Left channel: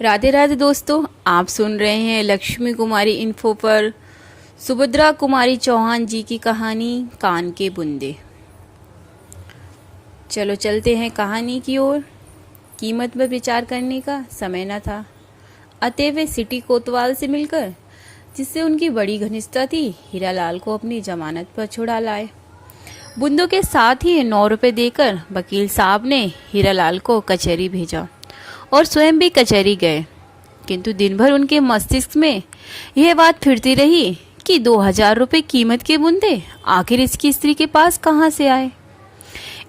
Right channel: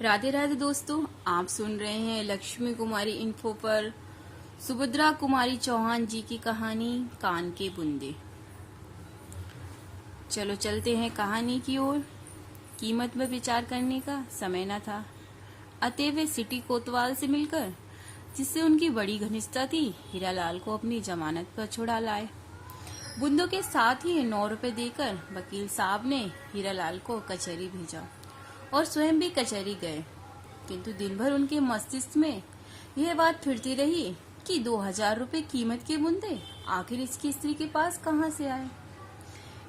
राधे राधे दोस्तों, आप सुन रहे हैं लक्ष्मी कुमारी इन्फो पर सुभद्रा कुमारी चौहान जी की कहानी कान के बुंदे। चलो चलते हैं कहानी की ओर। कीमत पर विचार करने का समय न था, अतः वे सिटी कोतवाल से मिलकर, जिससे उनकी बड़ी घनिष्ठता थी, हीरालाल को अपनी जमानत पर छुड़ा लाए। बुंदों के साथ ही 9 रुपए देकर वकील साहब ने हीरालाल को कचहरी भेजा और स्वयं भी कचहरी गए। किंतु दिन भर उनके मस्तिष्क में यह बात फिरती रही कि 2000 रुपए कीमत के बुंदे आखिर इसकी स्त्री के पास कहाँ से आए।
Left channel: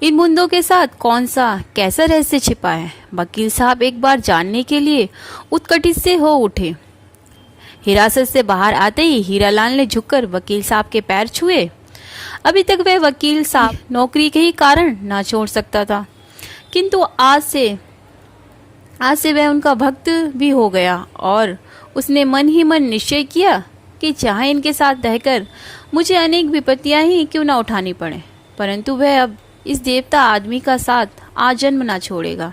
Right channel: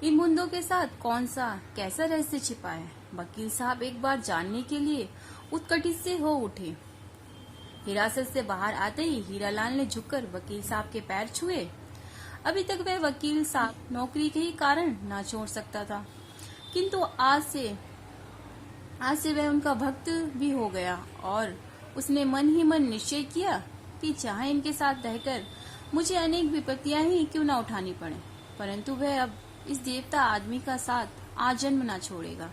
इन बुंदों के साथ कौन सा कैसा रहस्य छिपा है, वकील साहब एक बार जानने के लिए उत्कटित से हो उठे। हिरासत से बाहर आते ही हीरालाल ने झुककर वकील साहब के पैर छुए। अभी तक वह वकील साहब नौकरी के ही कारण ना छोड़ सकता था, किंतु आज से वह उनका भक्त भी हो गया और उसने मन ही मन निश्चय किया कि चाहे इनके साथ रहकर मुझे अनेक विपत्तियां ही क्यों न उठानी पड़े, परंतु वह अब इस देवता आदमी का साथ आजन्म ना छोड़ेगा।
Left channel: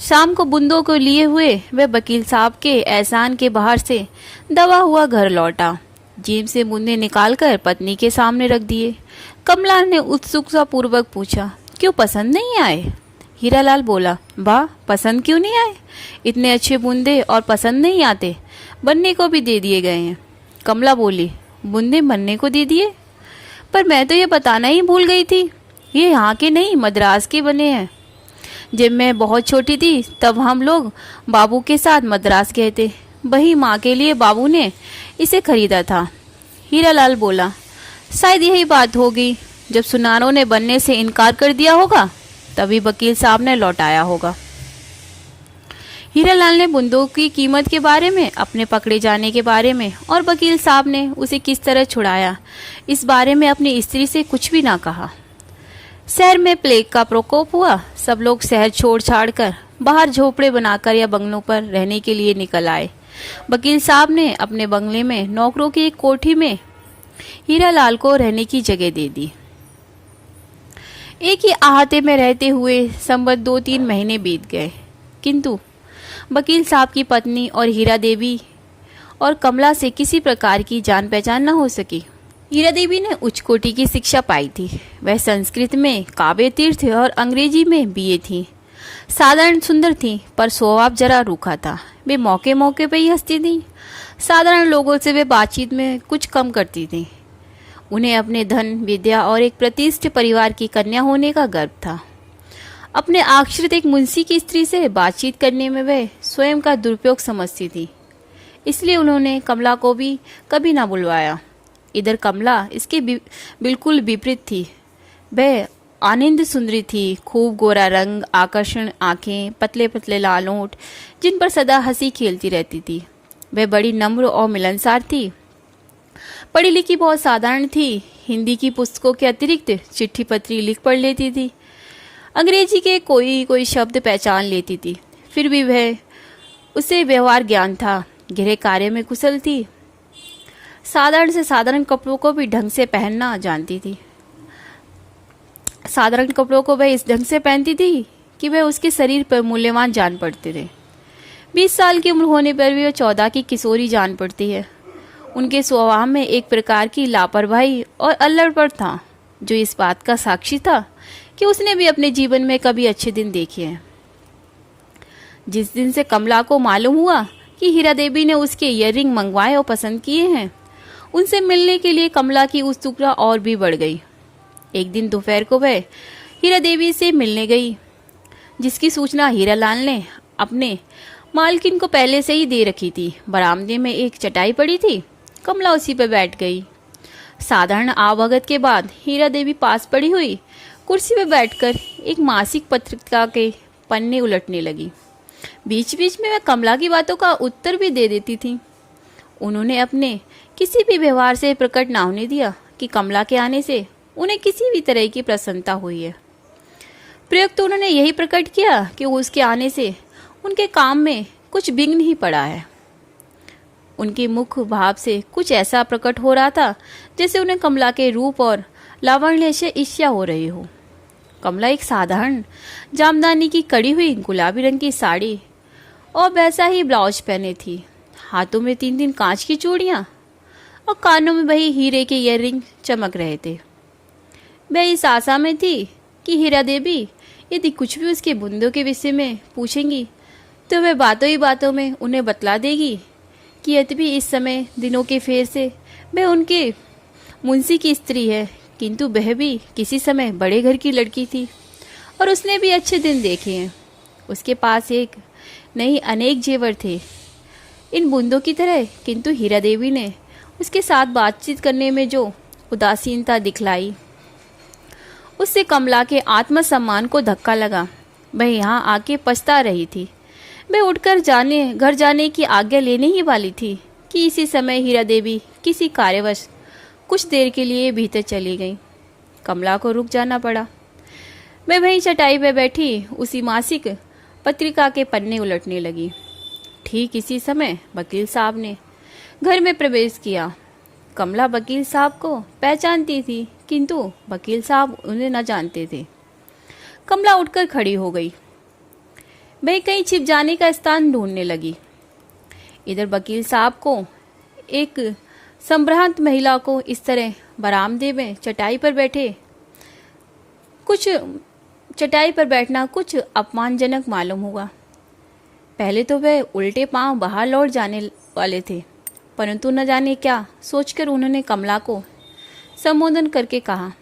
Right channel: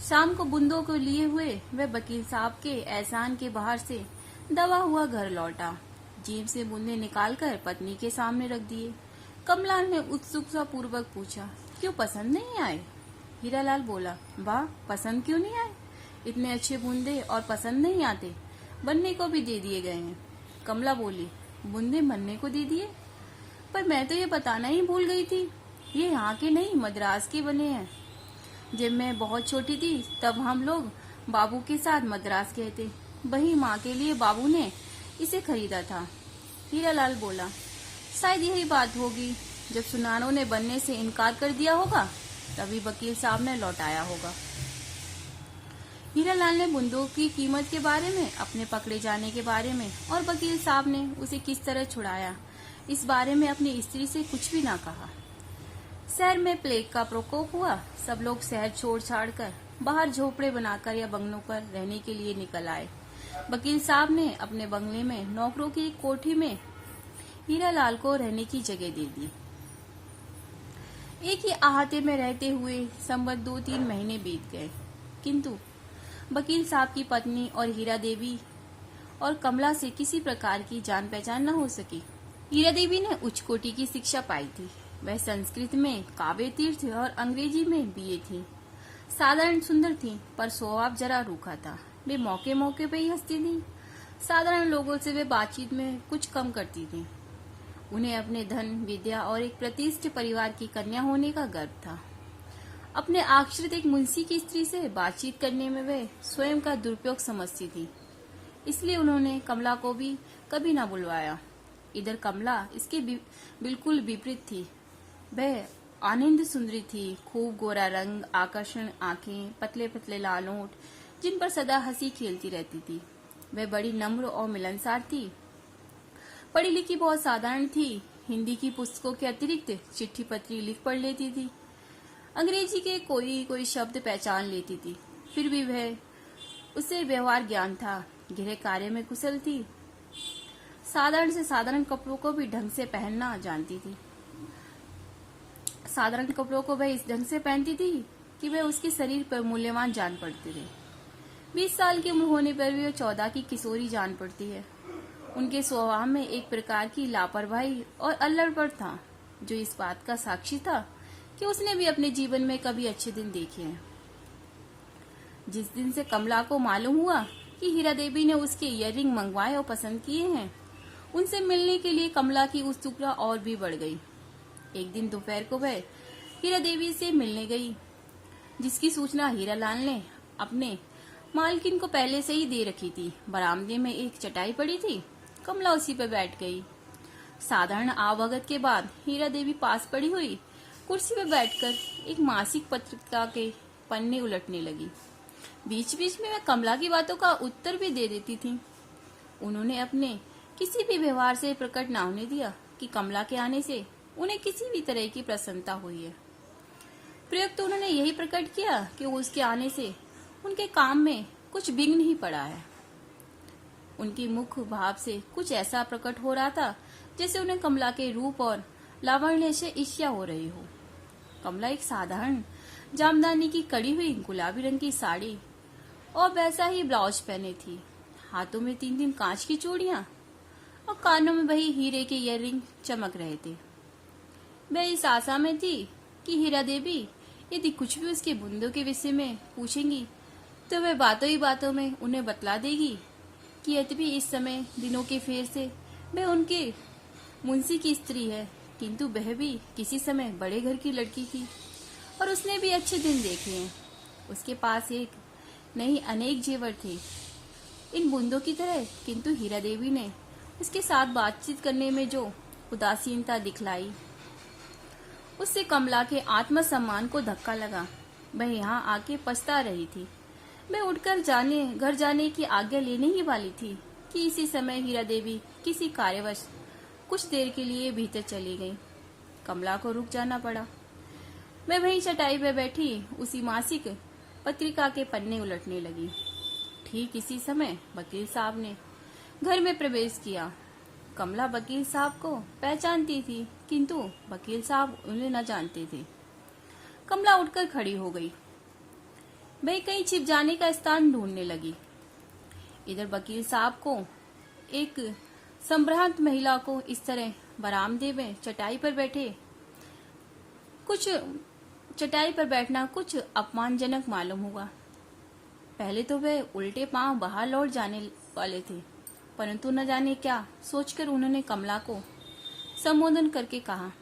शाम को बुंदों को लिए हुए वह वकील साहब के एहसान के बाहर से दबा हुआ घर लौटा। जेब से बुंदे निकालकर पत्नी के सामने रख दिए। कमला ने उत्सुकता पूर्वक पूछा, क्यों पसंद नहीं आए? हीरालाल बोला, वाह, पसंद क्यों नहीं आए? इतने अच्छे बूंदे और पसंद नहीं आते, बनने को भी दे दिए गए हैं। कमला बोली, बूंदे बनने को दे दिए? पर मैं तो ये बताना ही भूल गई थी, ये यहाँ के नहीं मद्रास के बने हैं। जब मैं बहुत छोटी थी तब हम लोग बाबू के साथ मद्रास गए थे, वही माँ के लिए बाबू ने इसे खरीदा था। हीरालाल बोला, शायद यही बात होगी, जब सुनारों ने बनने से इनकार कर दिया होगा तभी वकील साहब ने लौटाया होगा। हीरालाल ने बुंदों की कीमत के बारे में, अपने पकड़े जाने के बारे में और वकील साहब ने उसे किस तरह छुड़ाया, इस बारे में अपनी स्त्री से कुछ भी ना कहा। शहर में प्लेग का प्रकोप हुआ। सब लोग शहर छोड़ छाड़ कर बाहर झोपड़े बनाकर या बंगलों पर रहने के लिए निकल आए। वकील साहब ने अपने बंगले में नौकरों की एक कोठी में हीरालाल को रहने की जगह दे दी। एक ही अहाते में रहते हुए संबत 2-3 महीने बीत गए, किंतु वकील साहब की पत्नी और हीरा देवी और कमला से किसी प्रकार की जान पहचान न हो सकी। हीरा देवी ने उच्च कोटि की शिक्षा पाई थी। वह संस्कृत में काव्य तीर्थ और अंग्रेजी में बीए थी। साधारण सुंदर थी, पर स्वभाव जरा रूखा था। वे मौके मौके पर ही हंसती थी। साधारण लोगों से वे बातचीत में कुछ कम करती थी। उन्हें अपने धन, विद्या और एक प्रतिष्ठित परिवार की कन्या होने का गर्व था। अपने आश्रित एक मुंशी की स्त्री से बातचीत करने में वह स्वयं का दुरुपयोग समझती थी, इसलिए उन्होंने कमला को भी कभी ना बुलवाया। इधर कमला इसके बिल्कुल विपरीत थी। वह आनंद सुंदरी थी, खूब गोरा रंग, आकर्षण आंखें, पतले पतले लाल होंठ, जिन पर सदा हंसी खेलती रहती थी। वह बड़ी नम्र और मिलनसार थी। पढ़ी लिखी बहुत साधारण थी। हिंदी की पुस्तकों के अतिरिक्त चिट्ठी पत्री लिख पढ़ लेती थी। अंग्रेजी के कोई शब्द पहचान लेती थी। फिर भी वह उसे व्यवहार ज्ञान था। गहरे कार्य में कुशल थी। साधारण से साधारण कपड़ों को भी ढंग से पहनना जानती थी। साधारण कपड़ों को वह इस ढंग से पहनती थी कि वह उसके शरीर पर मूल्यवान जान पड़ते थे। 20 साल की उम्र होने पर भी वह 14 की किशोरी जान पड़ती है। उनके स्वभाव में एक प्रकार की लापरवाही और अल्लड़पन था, जो इस बात का साक्षी था कि उसने भी अपने जीवन में कभी अच्छे दिन देखे हैं। जिस दिन से कमला को मालूम हुआ कि हीरा देवी ने उसके ईयररिंग मंगवाए और पसंद किए हैं, उनसे मिलने के लिए कमला की उत्सुकता और भी बढ़ गई। एक दिन दोपहर को वह हीरा देवी से मिलने गई, जिसकी सूचना हीरालाल ने अपने मालकिन को पहले से ही दे रखी थी। बरामदे में एक चटाई पड़ी थी, कमला उसी पर बैठ गई। साधारण आवभगत के बाद हीरा देवी पास पड़ी हुई कुर्सी पर बैठकर एक मासिक पत्रिका के पन्ने उलटने लगी। बीच बीच में वह कमला की बातों का उत्तर भी दे देती थी। उन्होंने अपने किसी भी व्यवहार से प्रकट ना होने दिया कि कमला के आने से उन्हें किसी भी तरह की प्रसन्नता हुई है। प्रयुक्त उन्होंने यही प्रकट किया कि उसके आने से उनके काम में कुछ विघ्न ही पड़ा है। उनके मुख भाव से कुछ ऐसा प्रकट हो रहा था जैसे उन्हें कमला के रूप और लावण्य से ईर्ष्या हो रही हो। कमला एक साधारण जामदानी की कड़ी हुई गुलाबी रंग की साड़ी और वैसा ही ब्लाउज पहने थी। हाथों में 3 कांच की चूड़ियां और कानों में वही हीरे के ईयररिंग चमक रहे थे। मैं इस आशा में थी कि हीरा देवी यदि कुछ भी उसके बुंदों के विषय में पूछेंगी तो वह बातों ही बातों में उन्हें बतला देगी कि यद्यपि इस समय दिनों के फेर से वह उनके मुंशी की स्त्री है, किंतु वह भी किसी समय बड़े घर की लड़की थी और उसने भी अच्छे दिन देखे हैं। उसके पास एक नहीं अनेक जेवर थे इन बूंदों की तरह, किंतु हीरा देवी ने उसके साथ बातचीत करने में जो उदासीनता दिखलाई उससे कमला के आत्मसम्मान को धक्का लगा। वह यहाँ आके पछता रही थी। वह उठकर घर जाने की आज्ञा लेने ही वाली थी कि इसी समय हीरा देवी किसी कार्यवश कुछ देर के लिए भीतर चली गई। कमला को रुक जाना पड़ा। मैं वहीं चटाई पे बैठी उसी मासिक पत्रिका के पन्ने उलटने लगी। ठीक इसी समय वकील साहब ने घर में प्रवेश किया। कमला वकील साहब को पहचानती थी, किंतु वकील साहब उन्हें न जानते थे। कमला उठकर खड़ी हो गई। वह कहीं छिप जाने का स्थान ढूंढने लगी। इधर वकील साहब को एक संभ्रांत महिला को इस तरह बरामदे में चटाई पर बैठना कुछ अपमानजनक मालूम हुआ। पहले तो वह उल्टे पांव बाहर लौट जाने वाले थे, परंतु न जाने क्या सोचकर उन्होंने कमला को संबोधन करके कहा,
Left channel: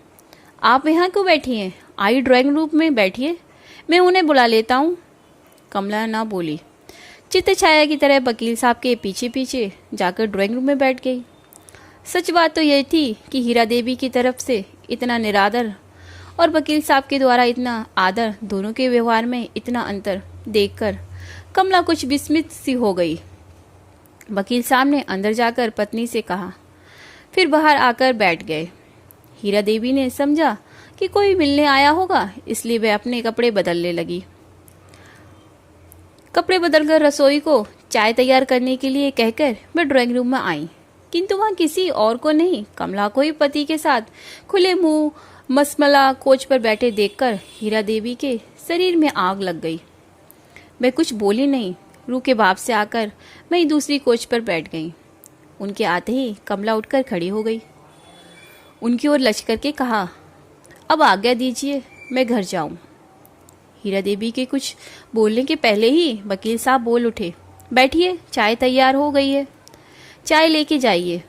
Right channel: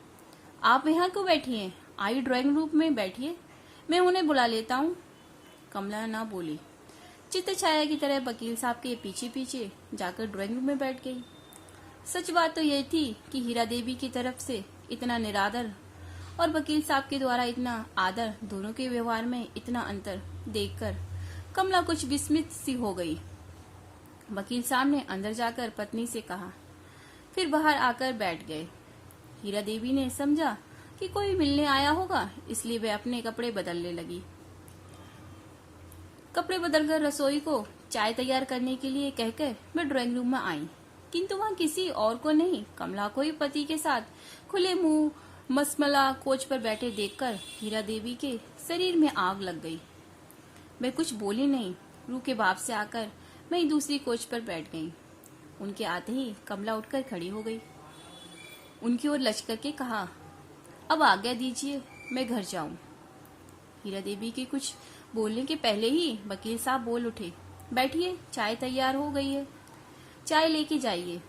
आप यहाँ क्यों बैठी हैं? आई ड्राइंग रूम में बैठिए, मैं उन्हें बुला लेता हूँ। कमला ना बोली। चित्त छाया की तरह वकील साहब के पीछे पीछे जाकर ड्राइंग रूम में बैठ गई। सच बात तो यह थी कि हीरा देवी की तरफ से इतना निरादर और वकील साहब के द्वारा इतना आदर, दोनों के व्यवहार में इतना अंतर देखकर कमला कुछ विस्मित सी हो गई। वकील साहब ने अंदर जाकर पत्नी से कहा, फिर बाहर आकर बैठ गए। हीरा देवी ने समझा कि कोई मिलने आया होगा, इसलिए वह अपने कपड़े बदलने लगी। कपड़े बदलकर रसोई को चाय तैयार करने के लिए कहकर वह ड्राइंग रूम में आई, किंतु वहां किसी और को नहीं, कमला को ही पति के साथ खुले मुंह मसमला कोच पर बैठे देखकर हीरा देवी के शरीर में आग लग गई। वह कुछ बोली नहीं, रूह के भाव से आकर वहीं दूसरी कोच पर बैठ गई। उनके आते ही कमला उठकर खड़ी हो गई। उनकी ओर लच करके कहा, अब आज्ञा दीजिए, मैं घर जाऊं। हीरा देवी के कुछ बोलने के पहले ही वकील साहब बोल उठे, बैठिए, चाय तैयार हो गई है, चाय लेके जाइए।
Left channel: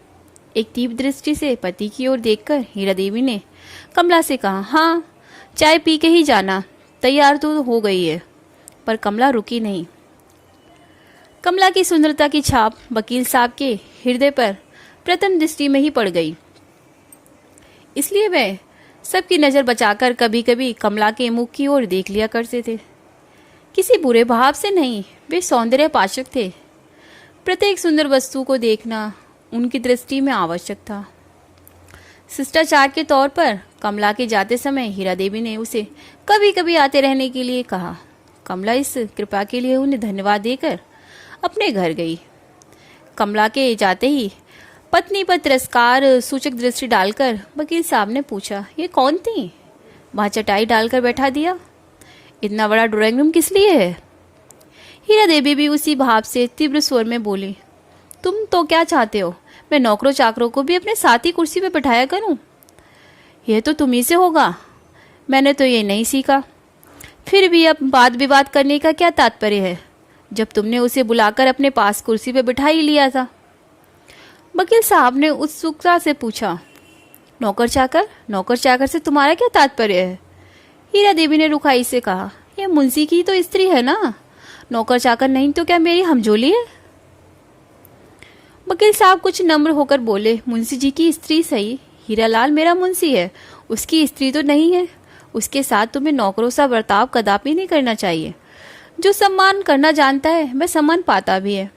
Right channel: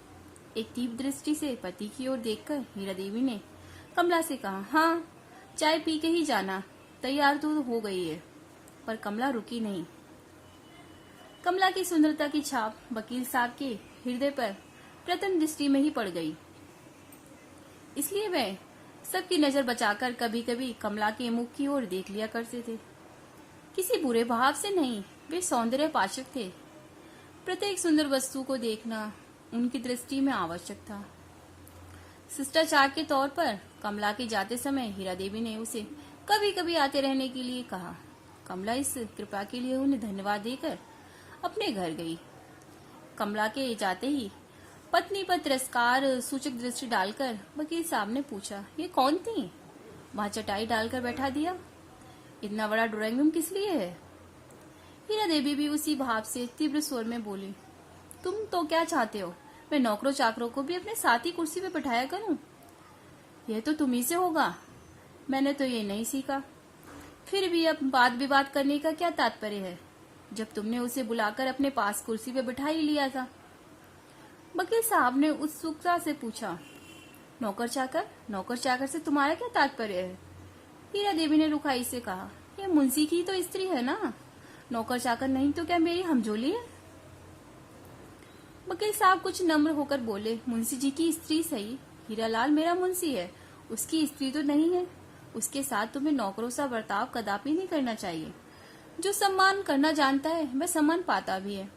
एक तीव्र दृष्टि से पति की ओर देखकर हीरा देवी ने कमला से कहा, हाँ, चाय पी के ही जाना, तैयार तो हो गई है। पर कमला रुकी नहीं। कमला की सुंदरता की छाप वकील साहब के हृदय पर प्रथम दृष्टि में ही पड़ गई, इसलिए वह सबकी नजर बचाकर कभी कभी कमला के मुख की ओर देख लिया करते थे। किसी बुरे भाव से नहीं, वे सौंदर्य पाशक थे। प्रत्येक सुंदर वस्तु को देखना उनकी दृष्टि में आवश्यक था। शिष्टाचार के तौर पर कमला के जाते समय हीरा देवी ने उसे कभी कभी आते रहने के लिए कहा। कमला इस कृपा के लिए उन्हें धन्यवाद देकर अपने घर गई। कमला के जाते ही पत्नी पर तिरस्कार सूचक दृष्टि डालकर वकील साहब ने पूछा, ये कौन थी? वहां चटाई डालकर बैठा दिया। इतना बड़ा ड्राइंग रूम किस लिए है? हीरा देवी भी उसी भाव से तीव्र स्वर में बोली, तुम तो क्या चाहते हो, मैं नौकरों चाकरों को भी अपने साथ ही कुर्सी पे बैठाया करूं? यह तो तुम्ही से होगा, मैंने तो ये नहीं सीखा। फिर भी अब वाद विवाद करने का क्या तात्पर्य है, जब तुमने उसे बुलाकर अपने पास कुर्सी पे बिठा ही लिया था? वकील साहब ने उत्सुकता से पूछा, नौकर चाकर से तुम्हारा क्या तात्पर्य है? हीरा देवी ने रुखाई से कहा, यह मुंशी की तो स्त्री है ना, नौकर चाकर नहीं तो क्या मेरी हमजोली है? वकील साहब कुछ नम्र होकर बोले, मुंशी जी की स्त्री सही, हीरालाल मेरा मुंशी है, उसकी स्त्री तो नहीं है। उसके साथ तुम्हें नौकरों सा बर्ताव कदापि नहीं करना चाहिए। जो सम्मान करना जानता है वह सम्मान पाता भी है।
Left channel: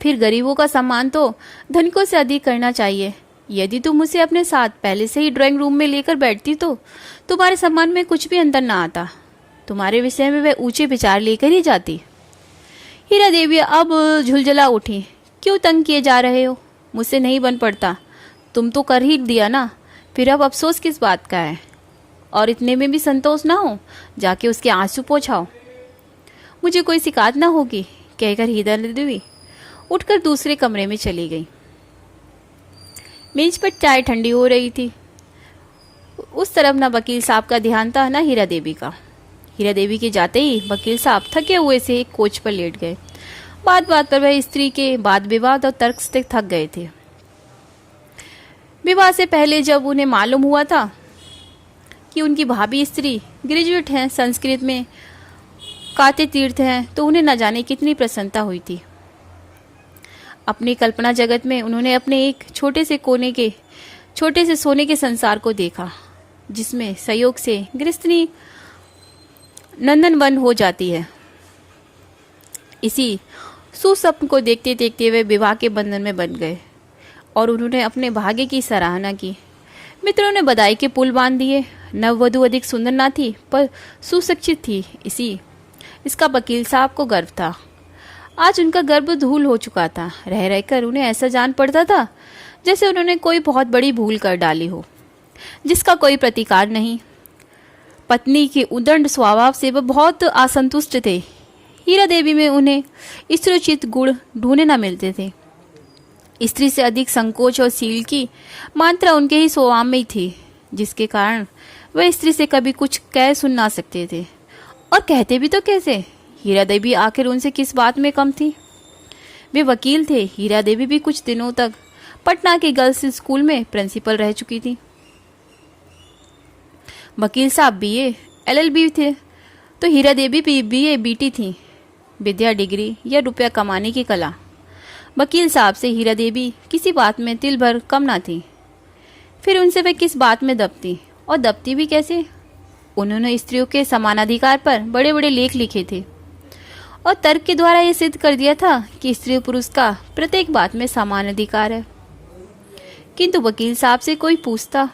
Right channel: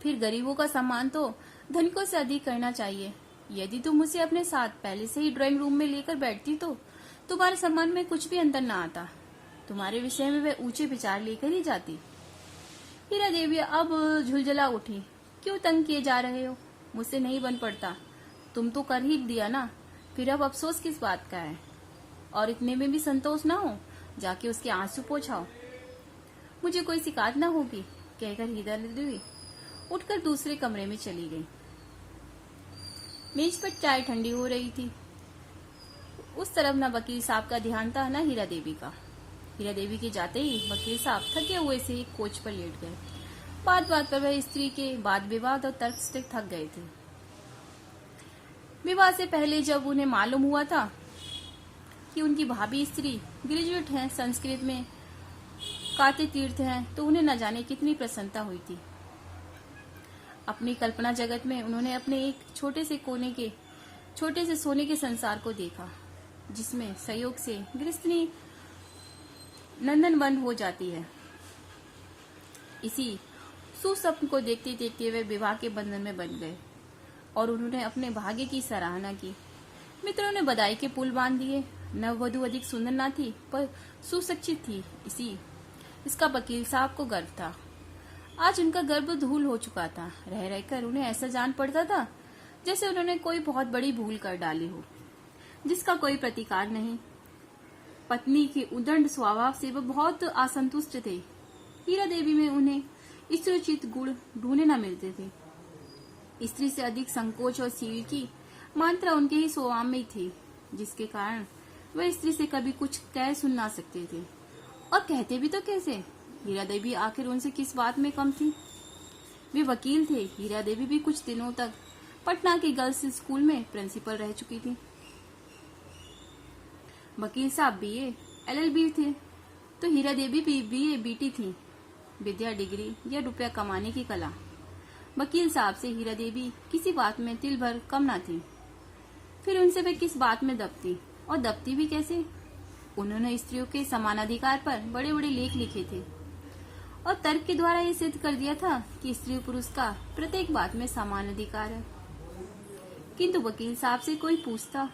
फिर गरीबों का सम्मान तो धनिकों से अधिक करना चाहिए। यदि तुम उसे अपने साथ पहले से ही ड्राइंग रूम में लेकर बैठती तो तुम्हारे सम्मान में कुछ भी अंतर ना आता। तुम्हारे विषय में वह ऊंचे विचार लेकर ही जाती। हीरा देवी अब झुलझला उठी, क्यों तंग किए जा रहे हो? मुझसे नहीं बन पड़ता, तुम तो कर ही दिया ना, फिर अब अफसोस किस बात का है? और इतने में भी संतोष ना हो, जाके उसके आंसू पोंछाओ। मुझे कोई शिकायत ना होगी कहकर हीरा देवी उठकर दूसरे कमरे में चली गई। मेज पर चाय ठंडी हो रही थी। उस तरफ न वकील साहब का ध्यान था न हीरा देवी का। हीरा देवी के जाते ही वकील साहब थके हुए से एक कोच पर लेट गए। बात बात पर वह स्त्री के वाद विवाद और तर्क से थक गए थे। विवाह से पहले जब उन्हें मालूम हुआ था कि उनकी भाभी स्त्री ग्रेजुएट हैं, संस्कृत में काते तीर्थ हैं, तो उन्हें न जाने कितनी प्रसन्नता हुई थी। अपनी कल्पना जगत में उन्होंने अपने एक छोटे से सोने के संसार को देखा, जिसमें संयोग से गृहस्थनी नंदनवन हो जाती है। इसी सुस्वप्न को देखते देखते वे विवाह के बंधन में बंध गए और उन्होंने अपने भाग्य की सराहना की। मित्रों ने बधाई के पुल बांध दिए। नववधु अधिक सुंदर ना थी पर सुशिक्षित थी, इसका वकील साहब को गर्व था। आज उनका गर्भ धूल हो चुका था। रह रहकर उन्हें ऐसा जान पड़ता था जैसे उन्होंने कोई बहुत बड़ी भूल कर डाली हो, जिसका कोई प्रतिकार नहीं। पत्नी के उदंड स्वभाव से वह बहुत असंतुष्ट थे। हीरा देवी में उन्हें स्त्रोचित गुण ढूंढने न मिलते थे। स्त्री से अधिक संकोच और सील की मात्रा उनके ही स्वभाव में ही थी, जिसके कारण वह स्त्री से कभी कुछ कह सुन ना सकते थे। और कहते भी तो कैसे? हीरा देवी आखिर उनसे किस बात में कम थी? वे वकील थे। हीरा देवी भी कुछ दिनों तक पटना के गर्ल्स स्कूल में प्रिंसिपल रह चुकी थी। वकील साहब बीए LLB थे, तो हीरा देवी भी BA BT थी। विद्या, डिग्री या रुपया कमाने की कला। वकील साहब से हीरा देवी किसी बात में तिल भर कम ना थी। फिर उनसे वे किस बात में दबती, और दबती भी कैसे? उन्होंने स्त्रियों के समानाधिकार पर बड़े बड़े लेख लिखे थे और तर्क के द्वारा ये सिद्ध कर दिया था कि स्त्री पुरुष का प्रत्येक बात में समान अधिकार है। किंतु वकील साहब से कोई पूछता,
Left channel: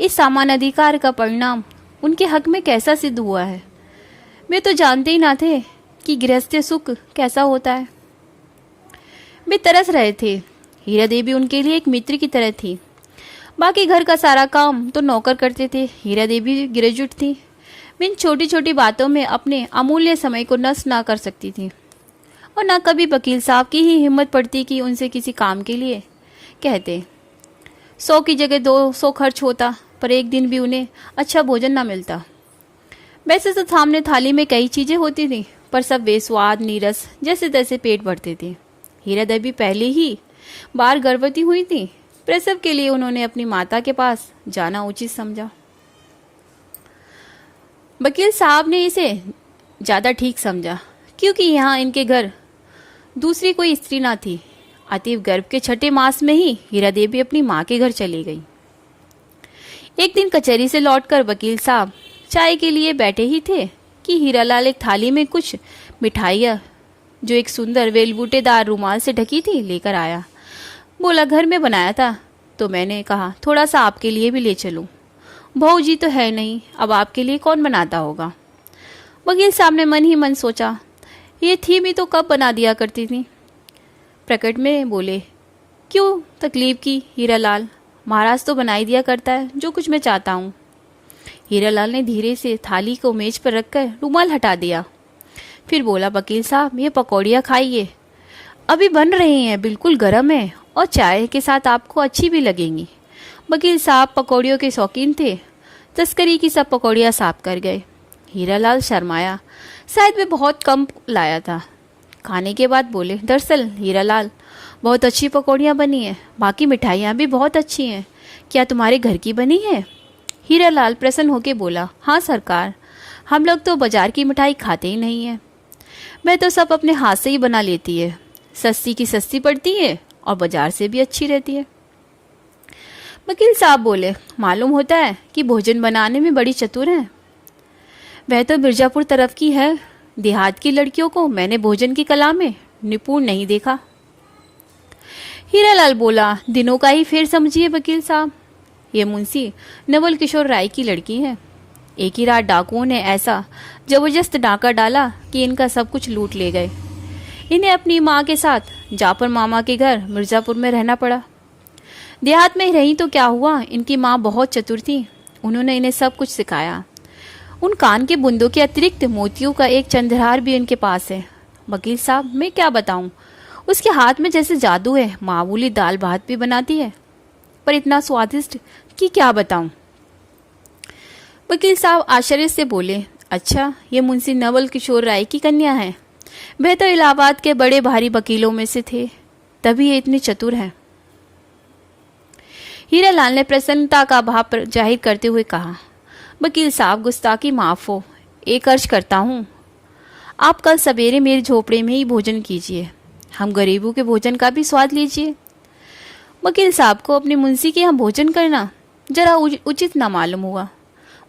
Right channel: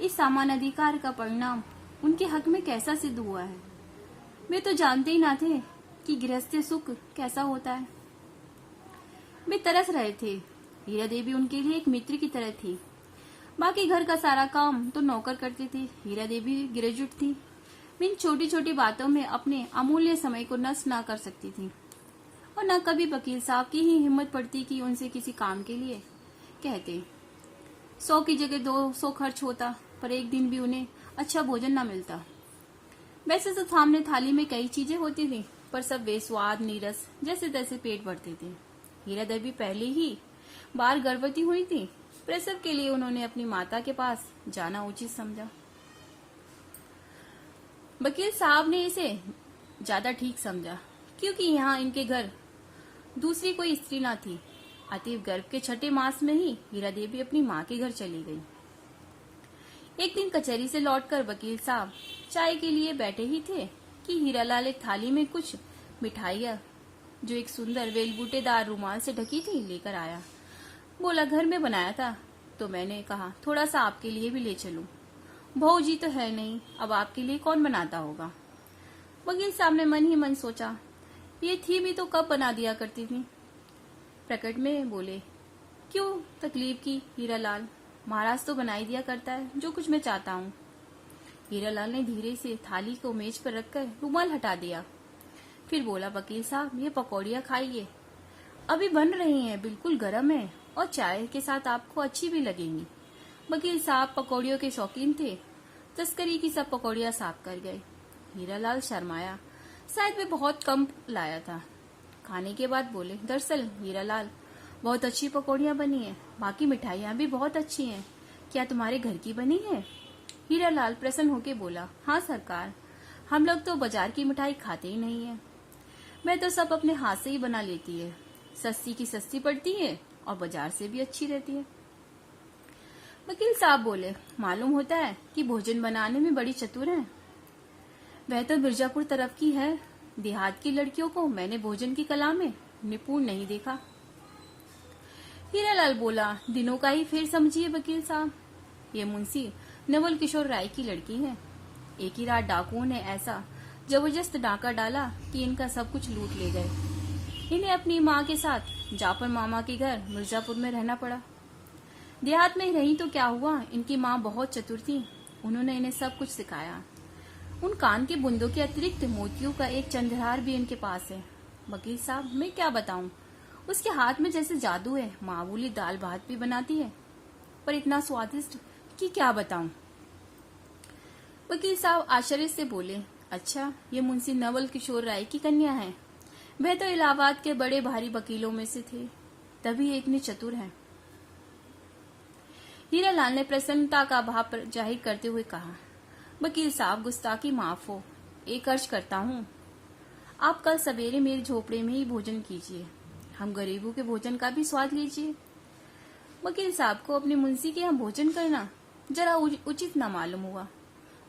इस समान अधिकार का परिणाम उनके हक में कैसा सिद्ध हुआ है? वे तो जानते ही ना थे कि गृहस्थ सुख कैसा होता है। वे तरस रहे थे। हीरा देवी उनके लिए एक मित्र की तरह थी। बाकी घर का सारा काम तो नौकर करते थे। हीरा देवी ग्रेजुएट थी। वे इन छोटी छोटी बातों में अपने अमूल्य समय को नष्ट ना कर सकती थी, और ना कभी वकील साहब की ही हिम्मत पड़ती कि उनसे किसी काम के लिए कहते। 100 की जगह 200 खर्च होता, पर एक दिन भी उन्हें अच्छा भोजन ना मिलता। वैसे तो सामने थाली में कई चीजें होती थी, पर सब बेस्वाद नीरस जैसे तैसे पेट भरते थे। हीरा देवी पहले ही बार गर्भवती हुई थी। प्रसव के लिए उन्होंने अपनी माता के पास जाना उचित समझा। वकील साहब ने इसे ज्यादा ठीक समझा, क्योंकि यहाँ इनके घर दूसरी कोई स्त्री ना थी। अतीव गर्भ के 6ठे मास में ही हीरा देवी अपनी माँ के घर चली गई। एक दिन कचहरी से लौटकर वकील साहब चाय के लिए बैठे ही थे कि हीरालाल एक थाली में कुछ मिठाइयाँ, जो एक सुंदर वेलबूटेदार रुमाल से ढकी थी, लेकर आया। बोला, घर में बनाया था। तो मैंने कहा, थोड़ा सा आपके लिए भी ले चलूं। बहू जी तो है नहीं, अब आपके लिए कौन बनाता होगा? वकील साहब ने मन ही मन सोचा, ये थी भी तो कब बना दिया करती थी। प्रकट में बोले, क्यों तकलीफ की हीरालाल, महाराज तो बनाई दिया करता है जो कुछ मैं चाहता हूँ। हीरालाल ने धीरे से थाली को मेज पर रखकर रुमाल हटा दिया। फिर बोला, वकील साहब ये पकौड़ियाँ खाइए, अभी बन रही हैं, बिल्कुल गर्म है और चाय के साथ आपको अच्छी भी लगेंगी। वकील साहब पकौड़ियों के शौकीन थे। तस्करी की सब पकौड़ियाँ साफ कर गए। हीरालाल शर्माया, शायद वे बहुत कम लाया था। खाने के बाद बोले, दरअसल हीरालाल बहुत अच्छी पकौड़ियाँ बनी हैं, बाकी मिठाइयाँ भी बहुत अच्छी हैं, क्या तुम्हारे घर की बनी है? हीरालाल प्रसन्न होकर बोला, हाँ सरकार, हम लोग तो बाजार की मिठाई खाते ही नहीं हैं। मैं तो सब अपने हाथ से ही बना लेती है, सस्ती की सस्ती पड़ती है और बाजार से भी अच्छी रहती है। वकील साहब बोले, मालूम होता है कि भोजन बनाने में बड़ी चतुर हैं। वह तो मिर्जापुर तरफ की है, देहात की लड़कियों को मैंने भोजन की कला में निपुण नहीं देखा। हीरालाल बोला, दिनों का ही फेर समझिए वकील साहब, ये मुंशी नवल किशोर राय की लड़की है। एक ही रात डाकुओं ने ऐसा जबरदस्त डाका डाला कि इनका सब कुछ लूट ले गए। इन्हें अपनी माँ के साथ जापर मामा के घर मिर्जापुर में रहना पड़ा। देहात में रही तो क्या हुआ, इनकी माँ बहुत चतुर थी, उन्होंने इन्हें सब कुछ सिखाया। उन कान के बुंदों के अतिरिक्त मोतियों का एक चंद्रहार भी इनके पास है, वकील साहब मैं क्या बताऊं, उसके हाथ में जैसे जादू है, मामूली दाल भात भी बनाती है, पर इतना स्वादिष्ट कि क्या बताऊं। वकील साहब आश्चर्य से बोले, अच्छा ये मुंशी नवल किशोर राय की कन्या है। वह तो इलाहाबाद के बड़े भारी वकीलों में से थे, तभी ये इतनी चतुर हैं। हीरालाल ने प्रसन्नता का भाव जाहिर करते हुए कहा, वकील साहब गुस्ताखी माफ हो, एक अर्ज करता हूँ, आप कल सवेरे मेरे झोपड़े में ही भोजन कीजिए, हम गरीबों के भोजन का भी स्वाद लीजिए। वकील साहब को अपने मुंशी के यहाँ भोजन करना जरा उचित ना मालूम हुआ।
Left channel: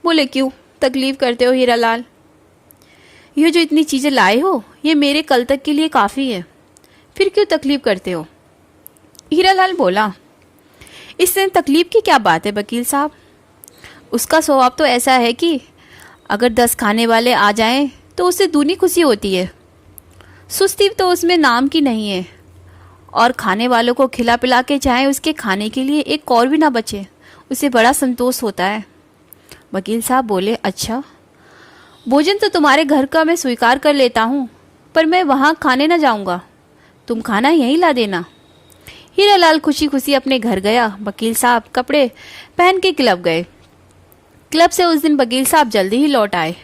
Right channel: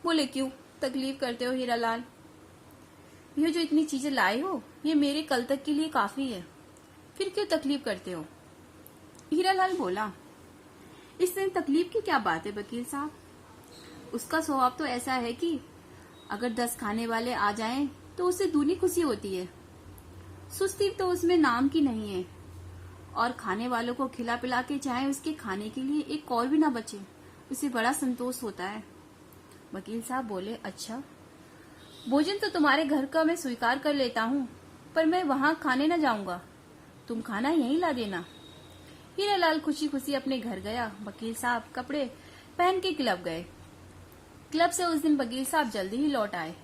बोले, क्यों तकलीफ करते हो हीरालाल, ये जो इतनी चीजें लाए हो ये मेरे कल तक के लिए काफी है, फिर क्यों तकलीफ करते हो। हीरालाल बोला, इससे तकलीफ की क्या बात है वकील साहब, उसका स्वभाव तो ऐसा है कि अगर 10 खाने वाले आ जाएं तो उससे दूनी खुशी होती है। सुस्ती तो उसमें नाम की नहीं है, और खाने वालों को खिला पिला के चाहे उसके खाने के लिए एक और भी ना बचे, उसे बड़ा संतोष होता है। वकील साहब बोले, अच्छा भोजन तो तुम्हारे घर का मैं स्वीकार कर लेता हूँ, पर मैं वहाँ खाने ना जाऊँगा, तुम खाना यहीं ला देना। हीरालाल खुशी खुशी अपने घर गया। वकील साहब कपड़े पहन के क्लब गए। क्लब से उस दिन वकील साहब जल्दी ही लौट आए।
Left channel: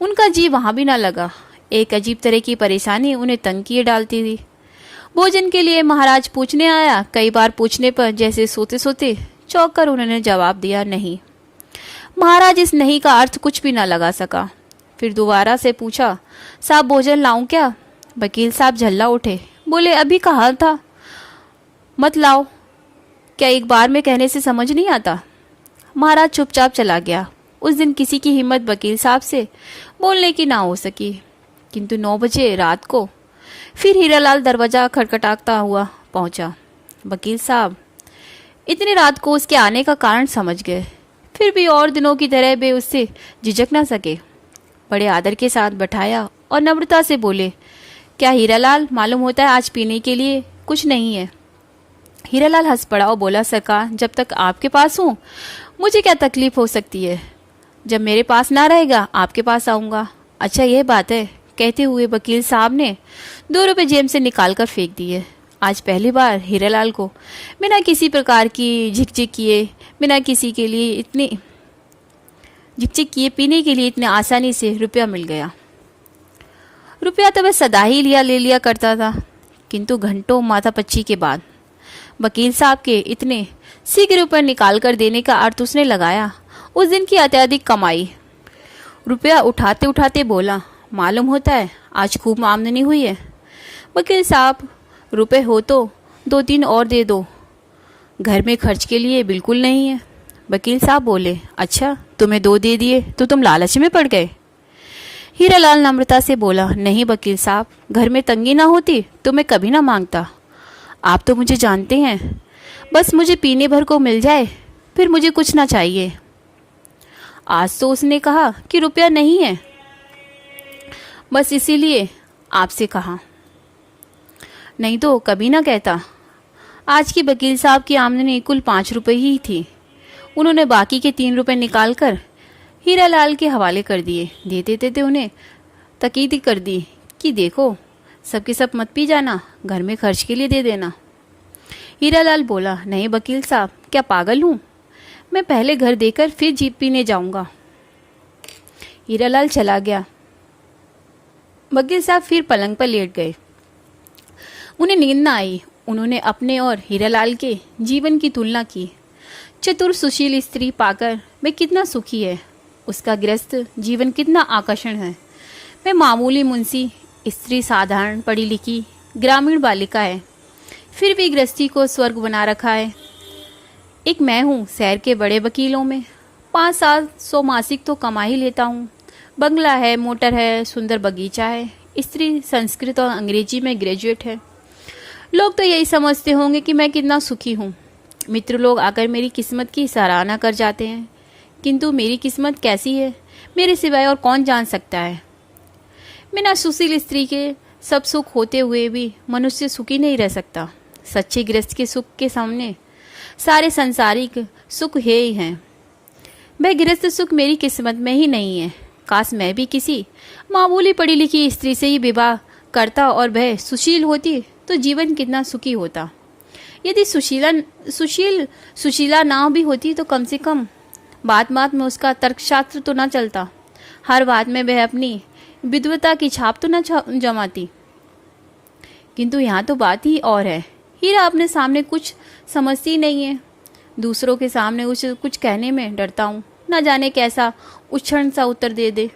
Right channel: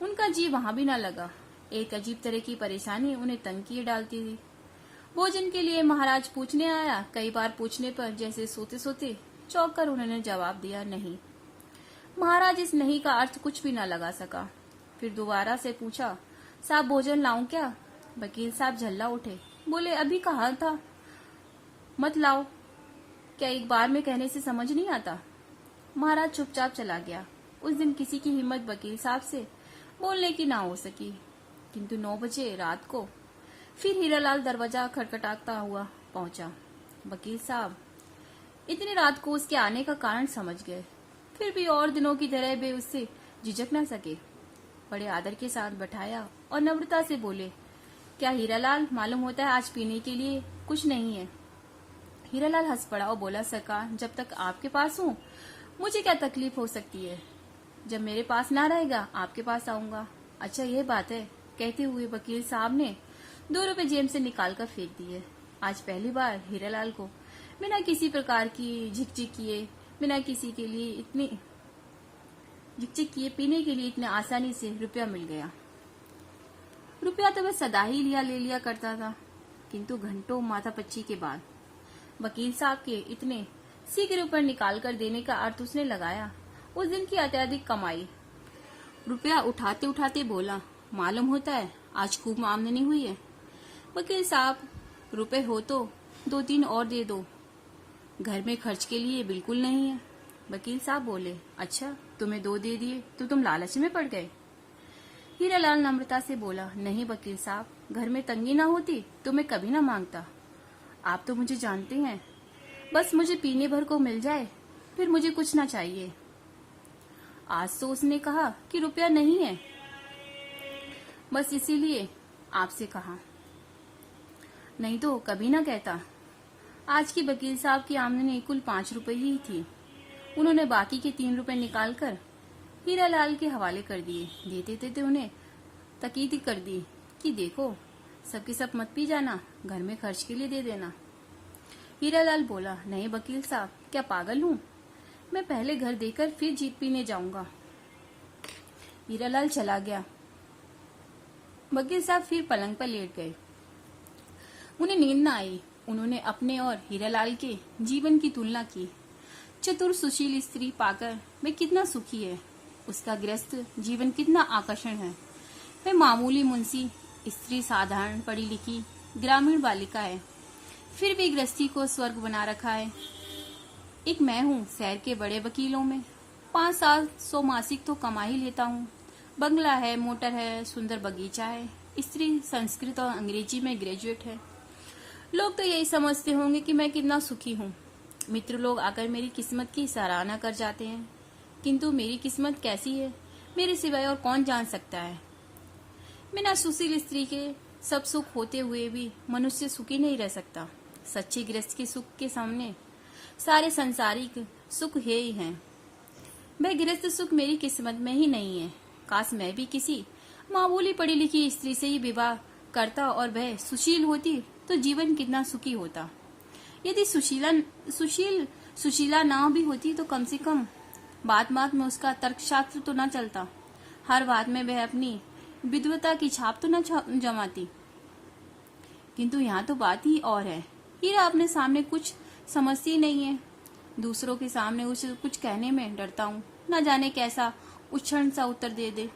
उनका जी वहाँ भी ना लगा। एक अजीब तरह की परेशानी उन्हें तंग किए डालती थी। भोजन के लिए महाराज पूछने आया। कई बार पूछने पर जैसे सोते सोते चौंक कर उन्होंने जवाब दिया, नहीं। महाराज इस नहीं का अर्थ कुछ भी ना लगा सका। फिर दोबारा से पूछा, साहब भोजन लाऊं क्या। वकील साहब झल्ला उठे, बोले, अभी कहा था मत लाओ, क्या एक बार में कहने से समझ नहीं आता। महाराज चुपचाप चला गया। उस दिन किसी की हिम्मत वकील साहब से बोलने की ना हो सकी। किंतु 9 बजे रात को फिर हीरालाल दरवाजा खटखटाता हुआ पहुंचा। वकील साहब इतनी रात को उसके आने का कारण समझ गए, फिर भी और दिनों की तरह वे उससे झिझक ना सके। बड़े आदर के साथ बैठाया और नम्रता से बोले, क्या हीरालाल, मालूम होता है आज पीने के लिए कुछ नहीं है। हीरालाल हंस पड़ा और बोला, सरकार जब तक आपके पास हूँ मुझे क्या तकलीफ हो सकती है, जब मेरे पास ना रहेगा आपके पास आऊँगा। अच्छा यह बात है, कहते हुए वकील साहब ने 2 रुपये जेब से निकाल कर फेंक दिए। आज पहली बार हीरालाल को बिना किसी प्रकार की झिकझिक किए, बिना किसी के लिए इतनी झिकझिक किए पीने के लिए इतने आसानी से रुपया मिल गया। रुपया तो वह सदा ही ले लिया करता था, किंतु घंटों माथापच्ची के बाद वकील साहब के इतने शीघ्र रुपये निकाल कर देने का अर्थ उसने लगाया उस दिन की अत्यधिक कमाई। रुपया उठाते उठाते बोला, मालूम होता है आज खूब आमदनी हुई है। वकील साहब, रुपए हो तो 2-3 और दे दो, घर में खर्च के लिए बिल्कुल नहीं है। वकील साहब बोले, अच्छा तुम्हें 2 दे दिए तो तुम लालच में पड़ गए। हीरालाल नम्रता से बोला, नहीं वकील साहब, घर में तंगी ना होती तो मैं कभी ना मांगता। आप तो मुझे जानते हैं, बस मुझे पीने भर को मिल जाए फिर मुझे कुछ ना चाहिए। आज तो उसने कहा कि रुपया नहीं है, बस इसीलिए आपसे कहा, नहीं तो कभी ना कहता। आज की वकील साहब की आमदनी कुल 5 रुपये ही थी। उन्होंने बाकी के 3 रुपये निकाल कर हीरालाल के हवाले कर दिए। देते देते उन्हें तकीद कर दी कि देखो सबके सब मत पी जाना, घर में खर्च के लिए दे देना। हीरालाल बोला, नहीं वकील साहब, क्या पागल हूँ, मैं पहले घर देकर फिर जीप पीने जाऊंगा। हीरालाल चला गया। वकील साहब फिर पलंग पर लेट गए। उन्हें नींद न आई। उन्होंने अपने और हीरालाल के जीवन की तुलना की। चतुर सुशील स्त्री पाकर वह कितना सुखी है, उसका गृहस्थ जीवन कितना आकर्षण है। वह मामूली मुंशी, स्त्री साधारण पढ़ी लिखी ग्रामीण बालिका है, फिर भी गृहस्थी को स्वर्ग बना रखा है। एक मैं हूँ शहर के बड़े वकीलों में, 500-700 मासिक तो कमा ही लेता हूँ। बंगला है, मोटर है, सुंदर बगीचा है। स्त्री संस्कृत और अंग्रेजी में ग्रेजुएट है। लोग तो यही समझते होंगे कि मैं कितना सुखी हूँ। मित्र लोग आकर मेरी किस्मत की सराहना कर जाते हैं, किंतु मेरी किस्मत कैसी है मेरे सिवाय और कौन जान सकता है। बिना सुशील स्त्री के सब सुख होते हुए भी मनुष्य सुखी नहीं रह सकता। सच्चे गृहस्थ के सुख के सामने सारे संसारिक सुख है ही हैं। वह गृहस्थ सुख मेरी किस्मत में ही नहीं है। काश मैं भी किसी मामूली पढ़ी लिखी स्त्री से ही विवाह करता और वह सुशील होती तो जीवन कितना सुखी होता। यदि सुशीला ना भी होती तो कम से कम बात बात में उसका तर्कशास्त्र तो न चलता, हर बात में वह अपनी विद्वता की छाप तो न जमाती। किंतु यहाँ तो बात ही और है। हीरा अपने सामने कुछ समझती नहीं है, दूसरों के सामने उसे कुछ कहने में डरता हूँ, न जाने कैसा उच्छृण सा उत्तर दे दे,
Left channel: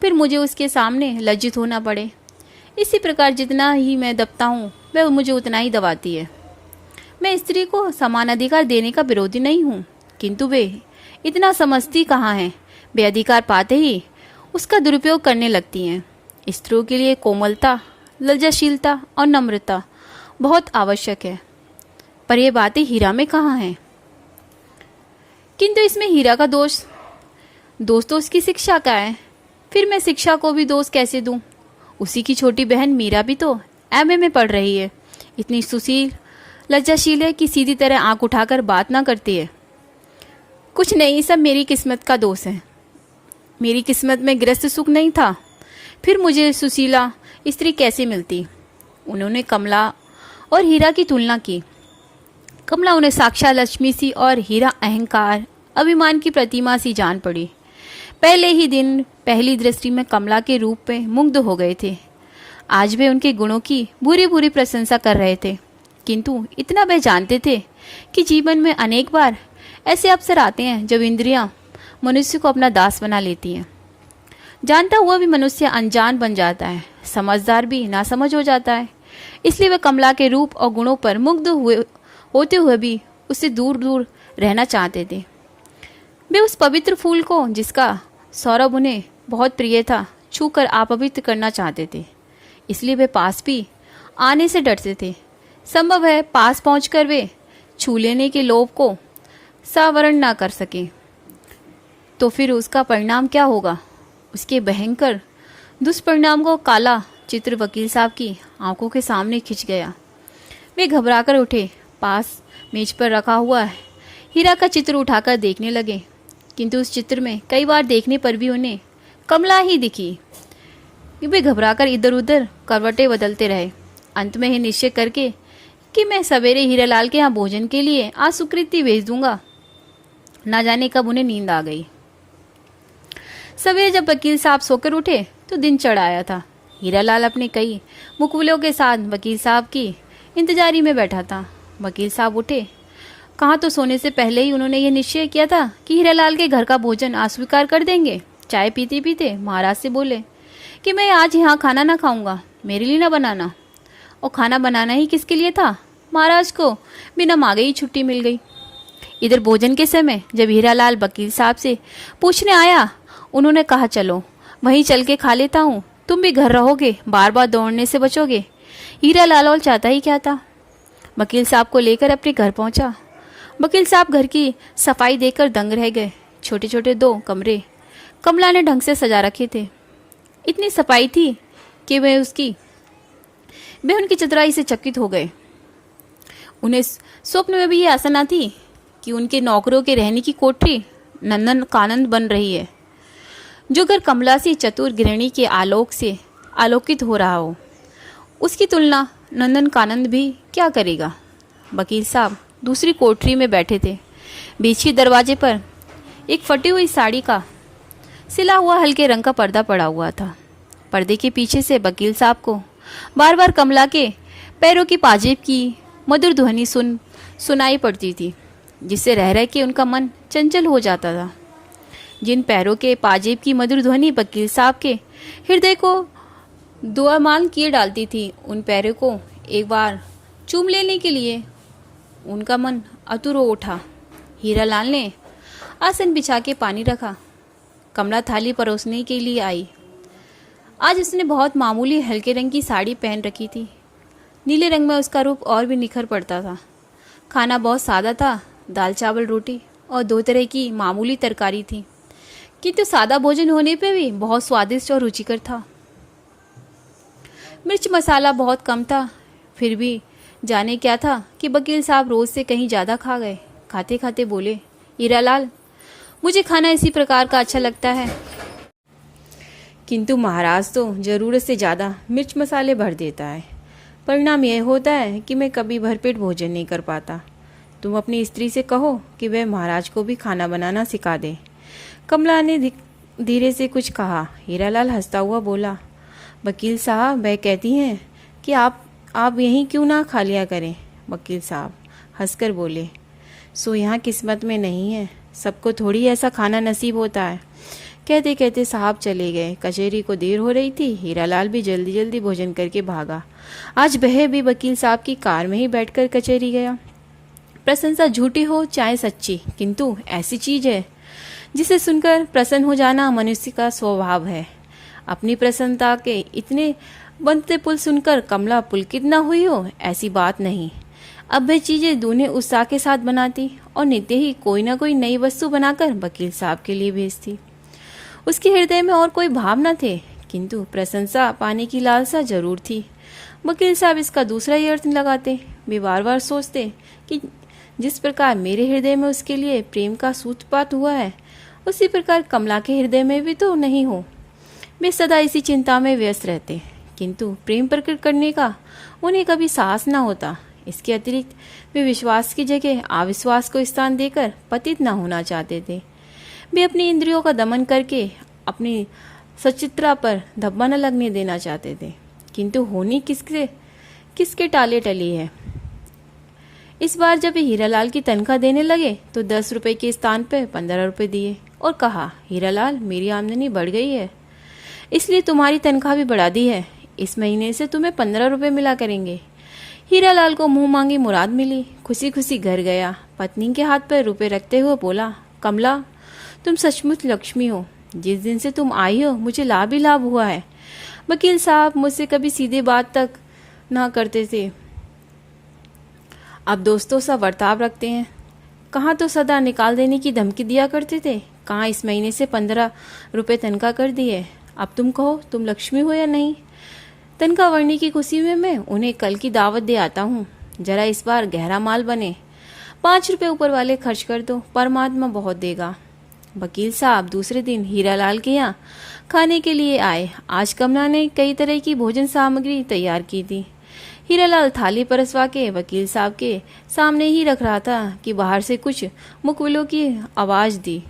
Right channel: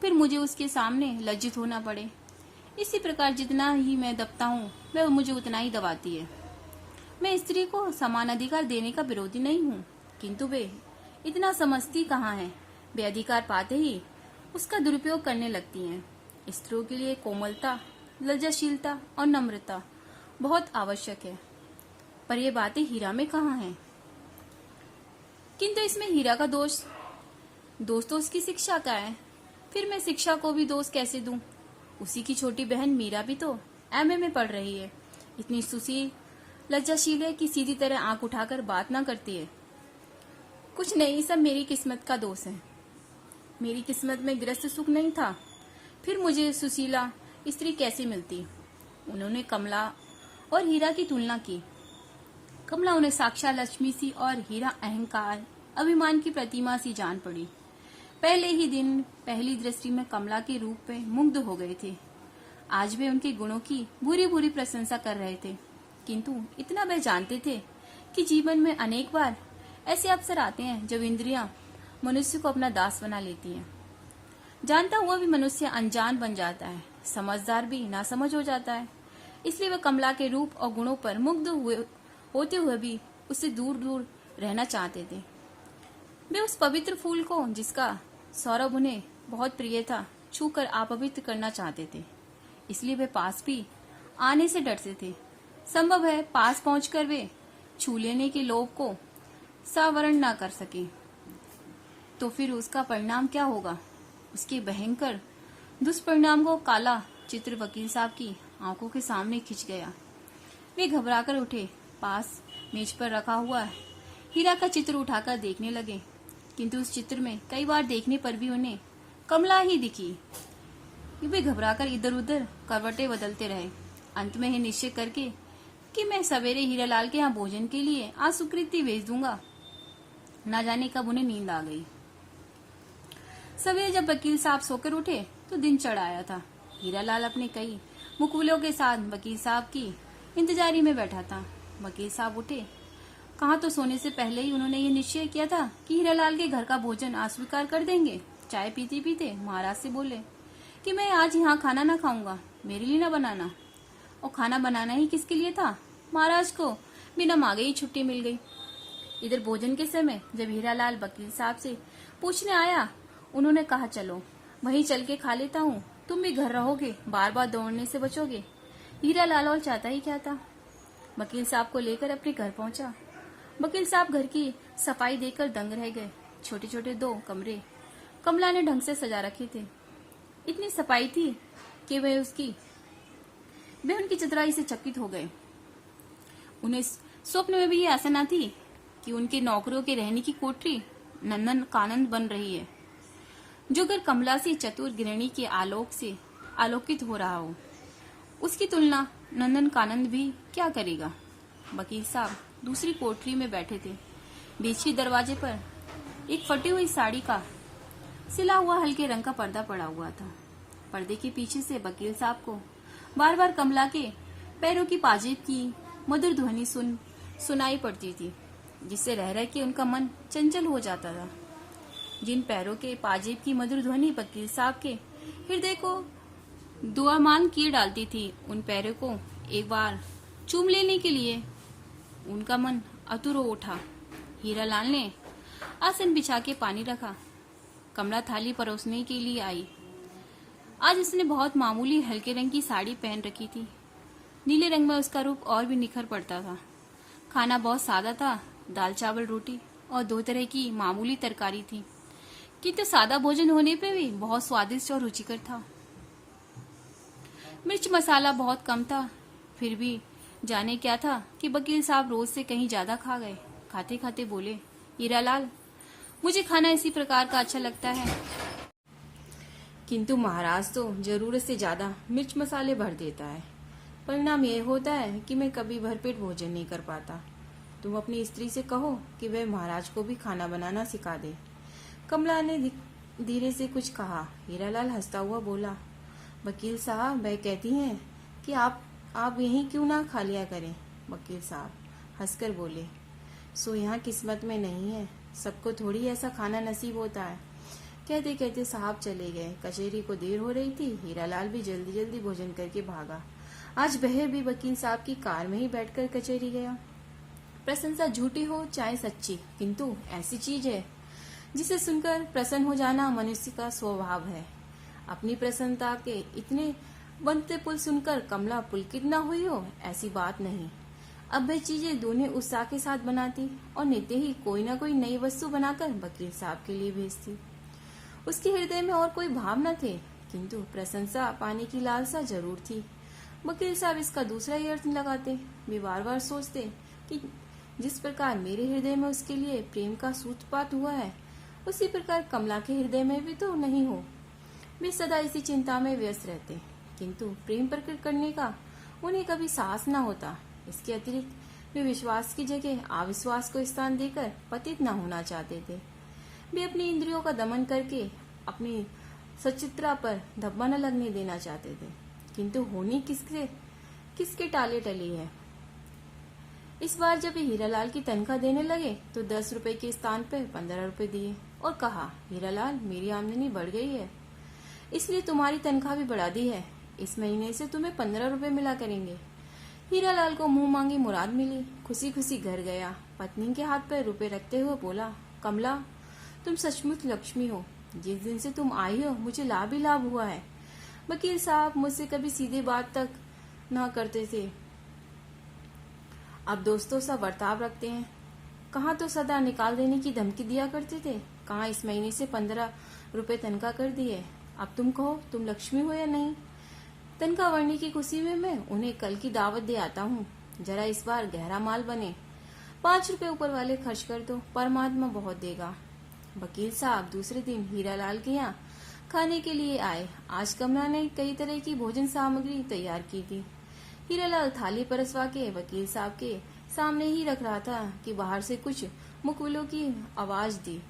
फिर मुझे उसके सामने लज्जित होना पड़े। इसी प्रकार जितना ही मैं दबता हूँ वह मुझे उतना ही दबाती है। मैं स्त्री को समान अधिकार देने का विरोधी नहीं हूँ, किंतु वे इतना समझती कहाँ हैं। वे अधिकार पाते ही उसका दुरुपयोग करने लगती हैं। स्त्रियों के लिए कोमलता, लज्जाशीलता और नम्रता बहुत आवश्यक है, पर यह बातें हीरा में कहाँ हैं। किंतु इसमें हीरा का दोष तो उसकी शिक्षा का है। फिर मैं शिक्षा को भी दोष कैसे दूं? उसी की छोटी बहन मीरा भी तो एमए में पढ़ रही है, इतनी सुशील लज्जाशील है कि सीधी तरह आंख उठाकर बात ना करती है। कुछ नहीं, सब मेरी किस्मत का दोष है। मेरी किस्मत में गृहस्थ सुख नहीं था, फिर मुझे सुशीला स्त्री कैसे मिलती? उन्होंने कमला और हीरा की तुलना की। कमला उन्हें साक्षात लक्ष्मी सी और हीरा अहंकार, अभिमान की प्रतिमा सी जान पड़ी। पहले ही दिन पहली दृष्टि में कमला के रूप में मुग्ध हो गए थे। आज वे उनके गुणों की बुरी बुरी प्रशंसा कर रहे थे, किंतु इतना वे जानते थे कि जीवन में अनेक बार ऐसे अवसर आते हैं जब इंद्रियां मनुष्य को अपना दास बना लेती हैं। जानता हुआ भी मनुष्य अनजान बन जाता है, समझदार भी नासमझ हो जाता है। इसलिए वे कमला के रूप और गुणों पर मुग्ध होते हुए भी उससे दूर दूर रहना चाहते थे। वे उस पवित्र फूल को, जिसका सौरभ उन्हें बहुत प्रिय था, छूकर अपवित्र करना चाहते थे। इसलिए वे पास भी आने से डरते थे। संभव है पास पहुंचकर वे छू लेने के लोभ को सावरण ना कर सके, तो फिर उसका परिणाम क्या होगा? उसके भयंकर दुष्परिणाम को काला चित्र वकील साहब की आंखों के सामने खिंच गया। वे घबराकर उठे, पास मेज पर रखा हुआ हीरा का चित्र उठाकर देखने लगे, किंतु उस चित्र में कई बार देखने पर भी उन्हें कमला ही दिखी। वे घबराकर इधर उधर करवटें बदलते रहे, अंत में ही निश्चय करके कि मैं सवेरे हीरालाल के यहाँ भोजन के लिए आज सुकृति भेज दूंगा। ना जाने कब उन्हें नींद आ गई। सवेरे जब वकील साहब सोकर उठे तो दिन चढ़ आया था। हीरालाल अपने कई मुकबलों के साथ वकील साहब की इंतजारी में बैठा था। वकील साहब उठे कहाँ तो सोने से पहले ही उन्होंने ये निश्चय किया था कि हीरालाल के घर का भोजन अस्वीकार कर देंगे। चाय पीते पीते महाराज से बोले कि मैं आज यहाँ खाना ना खाऊंगा, मेरे लिए ना बनाना। और खाना बनाना ही किसके लिए था? महाराज को बिना मांगे ही छुट्टी मिल गई। इधर भोजन के समय जब हीरालाल वकील साहब से पूछने आया, उन्होंने कहा चलो वहीं चल के खा लेता हूँ, तुम भी घर रहोगे, बार बार दौड़ने से बचोगे। हीरालाल और चाहता ही क्या था। वकील साहब को लेकर अपने घर पहुंचा। वकील साहब घर की सफाई देखकर दंग रह गए। छोटे छोटे 2 कमरे कमला ने ढंग से सजा रखे थे। इतनी सफाई थी कि वे उनकी चतुराई से चकित हो गए। उन्हें स्वप्न में भी ये आशा न थी कि उनके नौकरों के रहने की कोठरी नंदन कानन बन रही है। जो घर कमला सी चतुर गृहिणी के आलोक से आलोकित हो रहा हो, उसकी तुलना नंदन कानन भी क्या करेगा। वकील साहब दूसरी कोठरी में बैठे थे। बीच के दरवाजे पर एक फटी हुई साड़ी का सिला हुआ हल्के रंग का पर्दा पड़ा हुआ था। पर्दे के पीछे से वकील साहब को बार बार कमला के पैरों की पाजेब की मधुर ध्वनि सुनाई पड़ती थी, जिससे रह रह के उनका मन चंचल हो जाता था। जिन पैरों के पाजेब की मधुर ध्वनि वकील साहब के हृदय को दुआमान किए डालती थी, उन पैरों को एक बार चूम लेने के लिए उनका मन आतुर हो उठा। हीरालाल ने आसन बिछा के पानी रखा। कमला थाली परोसने के लिए आई। आज उसने बहुत मामूली हल्के रंग की साड़ी पहन रखी थी। नीले रंग में उसका रूप और भी निखर पड़ता था। खाना बहुत सादा था, दाल चावल रोटी और 2 तरह की मामूली तरकारी थी, किंतु सादा भोजन होने पे भी बहुत स्वादिष्ट और रुचिकर था। मिर्च मसाला बहुत कम था, फिर भी जाने क्या था कि वकील साहब रोज से कहीं ज्यादा खा गए। खाते खाते बोले, हीरालाल, मुझे खाना इसी प्रकार का अच्छा लगता है। किंतु महाराज तो जरूरत से ज़्यादा मिर्च मसाले भर देता है। परिणाम यह होता है कि मैं कभी भरपेट भोजन नहीं कर पाता। तुम अपनी स्त्री से कहो कि वह महाराज को भी खाना बनाना सिखा दे। कमला ने धीरे से कुछ कहा। हीरालाल हंसता हुआ बोला, वकील साहब वह कहती हैं कि आप यहीं क्यों ना खा लिया करें। वकील साहब हंसकर बोले, सो यहाँ किस्मत में नहीं है, सबको थोड़ी ऐसा खाना नसीब होता है। कहते कहते साहब चले गए। कचहरी को देर हो रही थी। हीरालाल भी जल्दी जल्दी भोजन करके भागा। आज वह भी वकील साहब की कार में ही बैठकर कचहरी गया। प्रशंसा झूठी हो चाहे सच्ची, किंतु ऐसी चीज है जिसे सुनकर प्रसन्न हो जाना मनुष्य का स्वभाव है। अपनी प्रसन्नता के इतने बनते पुल सुनकर कमला पुलकित न हुई हो, ऐसी बात नहीं। अब वह चीजें दूने उत्साह के साथ बनाती और नित्य ही कोई ना कोई नई वस्तु बनाकर वकील साहब के लिए भेजती। उसके हृदय में और कोई भाव न थे, किंतु प्रशंसा पाने की लालसा जरूर थी। वकील साहब इसका दूसरा ही अर्थ लगाते। वे बार बार सोचते कि जिस प्रकार मेरे हृदय में उसके लिए प्रेम का सूत्रपात हुआ है, उसी प्रकार कमला के हृदय में भी तो नहीं हो। वे सदा इसी चिंता में व्यस्त रहते, किंतु प्रेम प्रकट करने का उन्हें कभी साहस न होता। इसके अतिरिक्त वे विश्वास की जगह अविश्वास को स्थान देकर पतित न होना चाहते थे। वे अपनी इंद्रियों का दमन करके अपनी सचित्रा पर धब्बा न लगने देना चाहते थे, किंतु होनी किसके टाले टली है। इस बार जब हीरालाल की तनख्वाह देने लगे तो 10 रुपए के स्थान पर 15 रुपए दिए और कहा, हीरालाल मेरी आमदनी बढ़ गई है, इसलिए तुम्हारी तनख्वाह भी बढ़ा दी है। इस महीने से तुम्हें 15 रुपए मिला करेंगे। हीरालाल को मुंह मांगी मुराद मिली। खुशी खुशी घर गया। पत्नी के हाथ पर रुपए रखते हुए बोला, कमला तुम सचमुच लक्ष्मी हो। जिस दिन से तुम आई हो मुझे लाभ ही लाभ हुआ है। वकील साहब मुझसे कभी सीधे बात तक ना करते थे, अब दोस्तों सा बर्ताव रखते हैं। कहाँ तो सदा निकाल देने की धमकी दिया करते थे, कहाँ इस महीने से 15 रुपए तनख्वाह कर दी है। अब तुम कहो तुम लक्ष्मी हो या नहीं। तनख्वाह बढ़ने की खुशी में मैं उन्हें कल की दावत दे आता हूँ। जरा इस बार गहरा माल बने। 5 रुपए ऊपर वाले खर्च कर दो, परमात्मा बहुत देगा। वकील साहब दूसरे दिन हीरालाल के यहाँ खाने के लिए आए। आज कमला ने कई तरह की भोजन सामग्री तैयार की थी। हीरालाल थाली परसवा के वकील साहब के सामने ही रख रहा था कि बाहर से कुछ मुकबिलों की आवाज दी।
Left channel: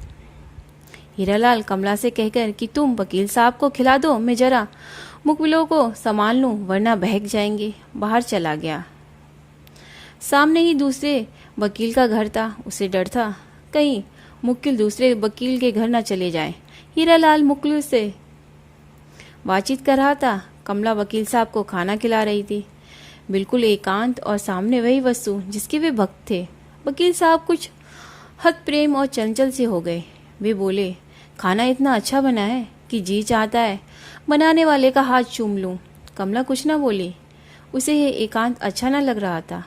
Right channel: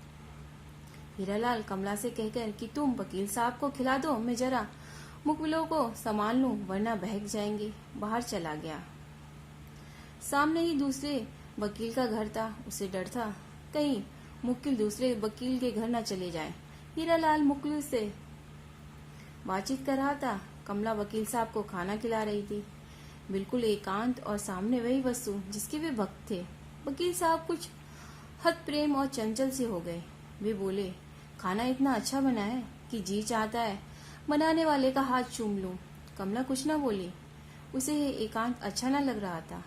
हीरालाल कमला से कहकर कि तुम वकील साहब को खिला दो, मैं जरा मुकबिलों को संभाल लूं वरना बहक जाएंगे, बाहर चला गया। सामने ही दूसरे वकील का घर था। उसे डर था कहीं मुक्किल दूसरे वकील के घर न चले जाए। हीरालाल मुक्किल से बातचीत कर रहा था। कमला वकील साहब को खाना खिला रही थी, बिल्कुल एकांत, और सामने वही वस्तु जिसके वे भक्त थे। वकील साहब कुछ हद प्रेम और चंचल से हो गए। वे बोले, खाना इतना अच्छा बना है कि जी चाहता है बनाने वाले का हाथ चूम लूं। कमला कुछ न बोली। उसे यह एकांत अच्छा न लग रहा था।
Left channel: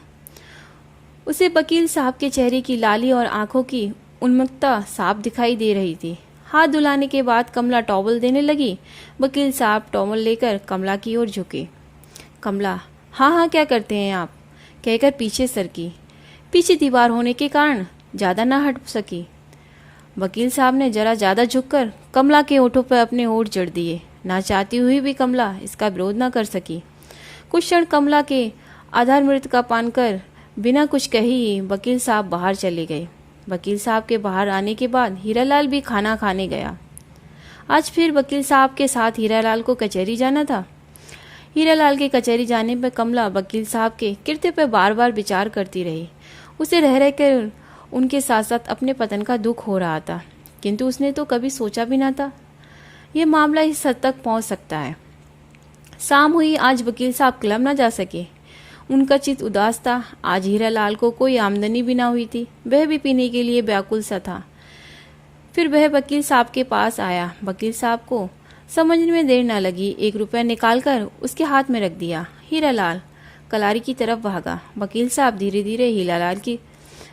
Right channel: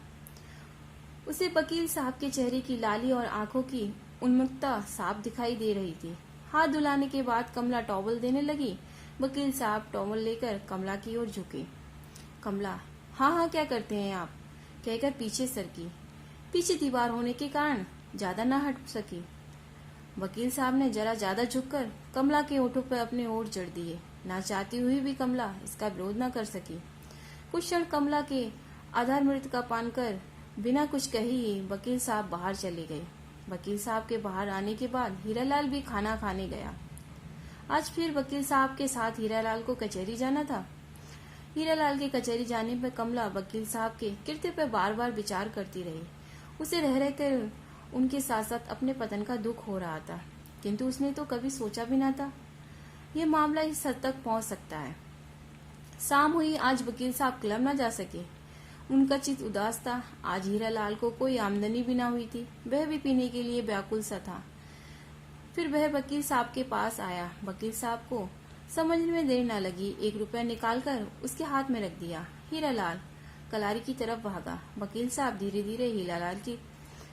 उसे वकील साहब के चेहरे की लाली और आंखों की उन्मुक्तता साफ दिखाई दे रही थी। हाथ धुलाने के बाद कमला टॉवल देने लगी। वकील साहब टॉवल लेकर कमला की ओर झुके। कमला, हाँ हाँ क्या करते हैं आप, कहकर पीछे सरकी। पीछे दीवार होने के कारण ज्यादा न हट सकी। वकील साहब ने जरा ज्यादा झुककर कमला के होठों पर अपने होठ जड़ दिए। ना चाहती हुई भी कमला इसका विरोध न कर सकी। कुछ क्षण कमला के आधार मृत का पान कर बिना कुछ कही ही वकील साहब बाहर चले गए। वकील साहब के बाहर आने के बाद हीरालाल भी खाना खाने गया। आज फिर वकील साहब के साथ हीरालाल को कचहरी जाना था। हीरालाल के कचहरी जाने पर कमला वकील साहब के कृत्य पर बार बार विचार करती रही। उसे रह रहकर उनके साथ साथ अपने पतन का दुख हो रहा था, किंतु उसने तो कभी सोचा भी ना था यह मामला इस हद तक पहुंच सकता है। शाम हुई। आज वकील साहब क्लब न जा सके। उनका चित्त उदास था। आज हीरालाल को कोई आमदनी भी ना हुई थी। वह भी पीने के लिए व्याकुल सा था। फिर वह वकील साहब के पास आया। वकील साहब को समझने में देर न लगी। 1 रुपया निकालकर उसके हाथ में रख दिया। हीरालाल कलारी की तरफ भागा। वकील साहब धीरे धीरे हीरालाल की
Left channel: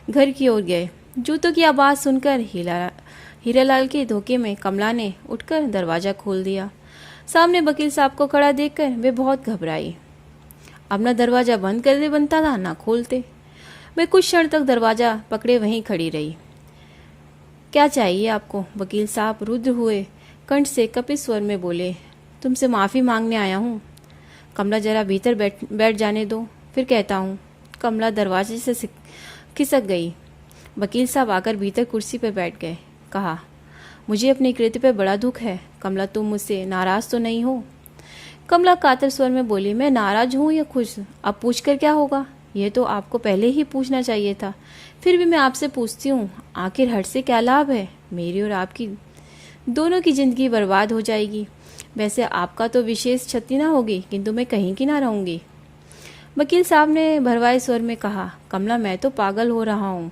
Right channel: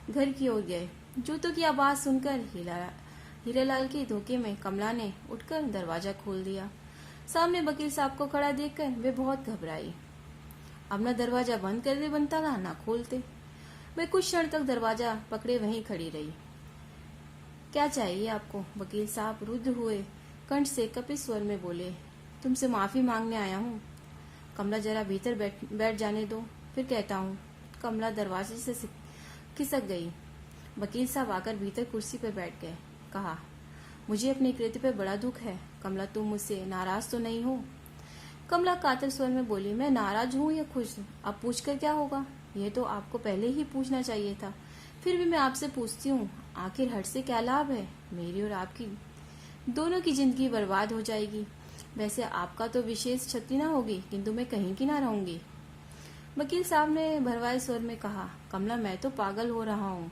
घर की ओर गए। जूतों की आवाज सुनकर हीरालाल के धोखे में कमला ने उठकर दरवाजा खोल दिया। सामने वकील साहब को खड़ा देखकर वे बहुत घबराई। अब न दरवाजा बंद कर दे बनता था ना खोलते। वे कुछ क्षण तक दरवाजा पकड़े वहीं खड़ी रही। क्या चाहिए आपको? वकील साहब रुद्र हुए कंठ से कपित स्वर में बोले। तुमसे माफ़ी मांगने आया हूँ। कमला जरा भीतर बैठ जाने दो, फिर कहता हूँ। कमला दरवाजे से खिसक गई। वकील साहब आकर भीतर कुर्सी पर बैठ गए। कहा, मुझे अपने कृत्य पर बड़ा दुख है। कमला, तुम मुझसे नाराज तो नहीं हो? कमला कातर स्वर में बोली, मैं नाराज हूँ या खुश? अब पूछ कर क्या होगा? यह तो आपको पहले ही पूछना चाहिए था। फिर भी मैं आपसे पूछती हूँ, आखिर हर्ष से क्या लाभ है? मेरी और आपकी दोनों की जिंदगी बर्बाद हो जाएगी। वैसे आपका तो विशेष क्षति ना होगी, किंतु मैं कहीं की ना रहूंगी। वकील साहब ने भरवाए स्वर में कहा, कमला, मैं तो पागल हो रहा हूँ।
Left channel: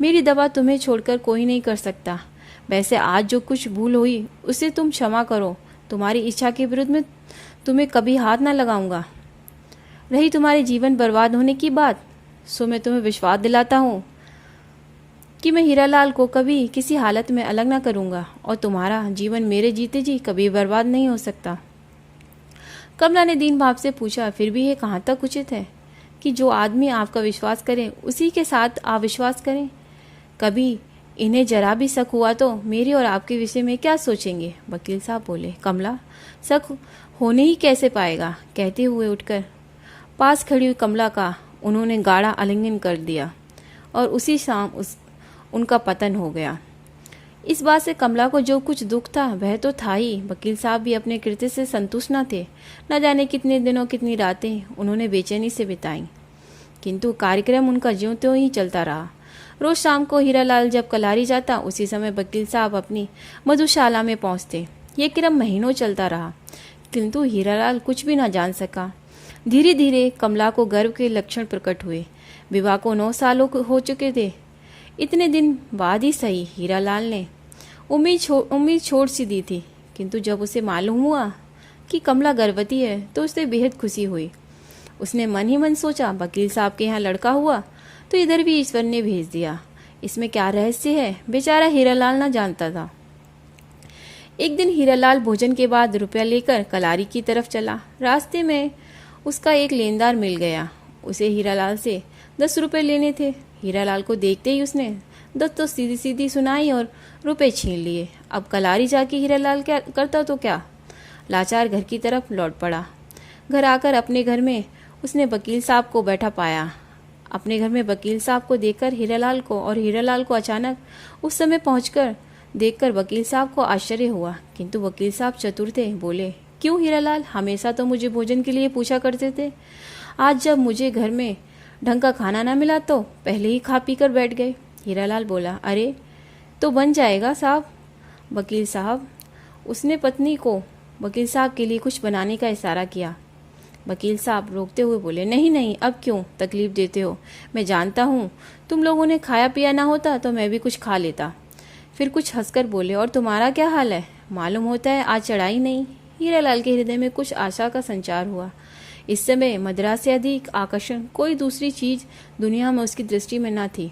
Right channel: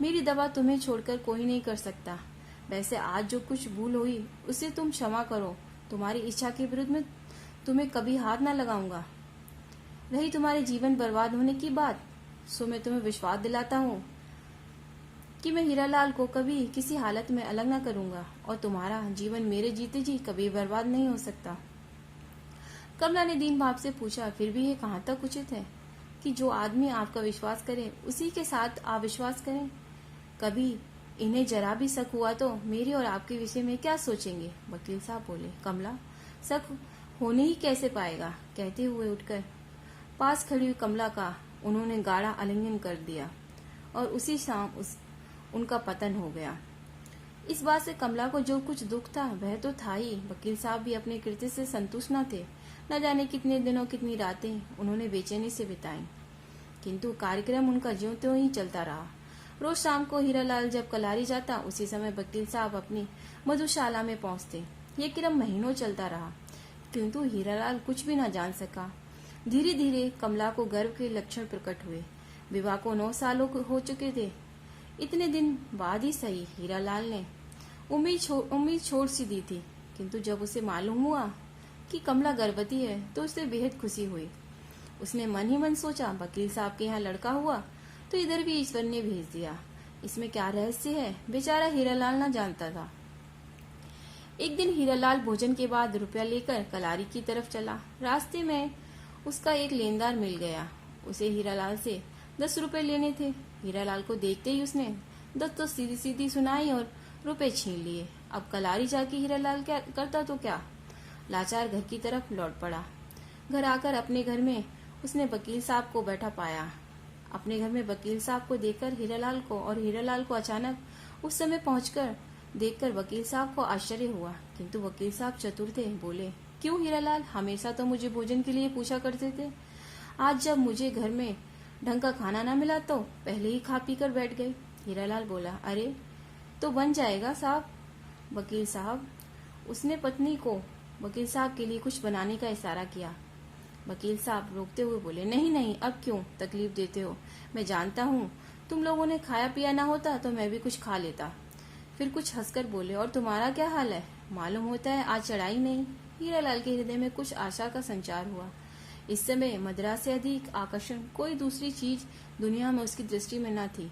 मेरी दवा तुम्हें छोड़कर कोई नहीं कर सकता। वैसे आज जो कुछ भूल हुई उसे तुम क्षमा करो। तुम्हारी इच्छा के विरुद्ध में तुम्हें कभी हाथ ना लगाऊंगा। रही तुम्हारे जीवन बर्बाद होने की बात, सो मैं तुम्हें विश्वास दिलाता हूँ कि मैं हीरालाल को कभी किसी हालत में अलग ना करूंगा और तुम्हारा जीवन मेरे जीते जी कभी बर्बाद नहीं हो सकता। कमला ने दीन भाव से पूछा, फिर भी ये कहाँ तक उचित है कि जो आदमी आपका विश्वास करे उसी के साथ अविश्वास करें? कभी इन्हें जरा भी शक हुआ तो मेरे और आपके विषय में क्या सोचेंगे? वकील साहब बोले, कमला, शक होने ही कैसे पाएगा? कहते हुए उठकर पास खड़ी हुई कमला का उन्होंने गाढ़ा आलिंगन कर दिया और उसी शाम उनका पतन हो गया। इस बात से कमला को जो कुछ दुख था वह तो था ही। वकील साहब भी अपने कृत्य से संतुष्ट न थे। न जाने कितने दिनों कितनी रातें उन्होंने बेचैनी से बिताई, किंतु कार्यक्रम उनका ज्यों त्यों ही चलता रहा। रोज शाम को हीरालाल जब कलारी जाता, उसी समय वकील साहब अपनी मधुशाला में पहुंचते। ये क्रम महीनों चलता रहा, किंतु हीरालाल कुछ भी न जान सका। धीरे धीरे कमला को गर्व के लक्षण प्रकट हुए। विवाह को 9 साल हो चुके थे। इतने दिन बाद ही सही, हीरालाल ने उम्मीद छोड़ सी दी थी, किंतु जब उसे मालूम हुआ कि कमला गर्भवती है तो उसे बेहद खुशी हुई। उसने मन ही मन सोचा, वकील साहब के यहाँ लड़का हुआ तो इधर भी ईश्वर ने भेज दिया। इसमें क्या रहस्य है, बेचारा हीरालाल ना जानता था। एक दिन हीरालाल भोजन के बाद रुपया लेकर कलारी की तरफ चला। रास्ते में उसका एक लेनदार मिल गया। उसे हीरालाल से 10 रुपये लेने थे। हीरालाल को देखते ही उसने 10 तो सीधी सीधी सुनाई और रुपए छीन लिए। अब कलारी जाके हीरालाल क्या करता तो क्या, लाचार घर की तरफ लौट पड़ा। घर आकर अपने घर में उसने वकील साहब को बैठा पाया। अपने घर में वकील साहब को देखकर हीरालाल को अचानक उस समय पहुंचकर देखकर वकील साहब को आश्चर्य हुआ, किंतु वकील साहब चतुर थे। बोले, क्यों हीरालाल, हमेशा तो मुझे भोजन के लिए पूछा करते थे। आज जब मुझे घर में ढंग का खाना ना मिला तो पहले ही खा पी कर बैठ गए। हीरालाल बोला, अरे तो बन जाएगा साहब। वकील साहब, उसने पत्नी को वकील साहब के लिए कुछ बनाने का इशारा किया। वकील साहब रोकते हुए बोले, नहीं नहीं, अब क्यों तकलीफ देते हो? मैं जानता हूँ तुम लोगों ने खाया पिया ना होता तो मैं भी कुछ खा लेता। फिर कुछ हंसकर बोले, और तुम्हारा क्या हाल है? मालूम होता है आज चढ़ाई नहीं। हीरालाल के हृदय में कुछ आशा का संचार हुआ। इस समय मदिरा से अधिक आकर्षण कोई दूसरी चीज दुनिया में उसकी दृष्टि में न थी।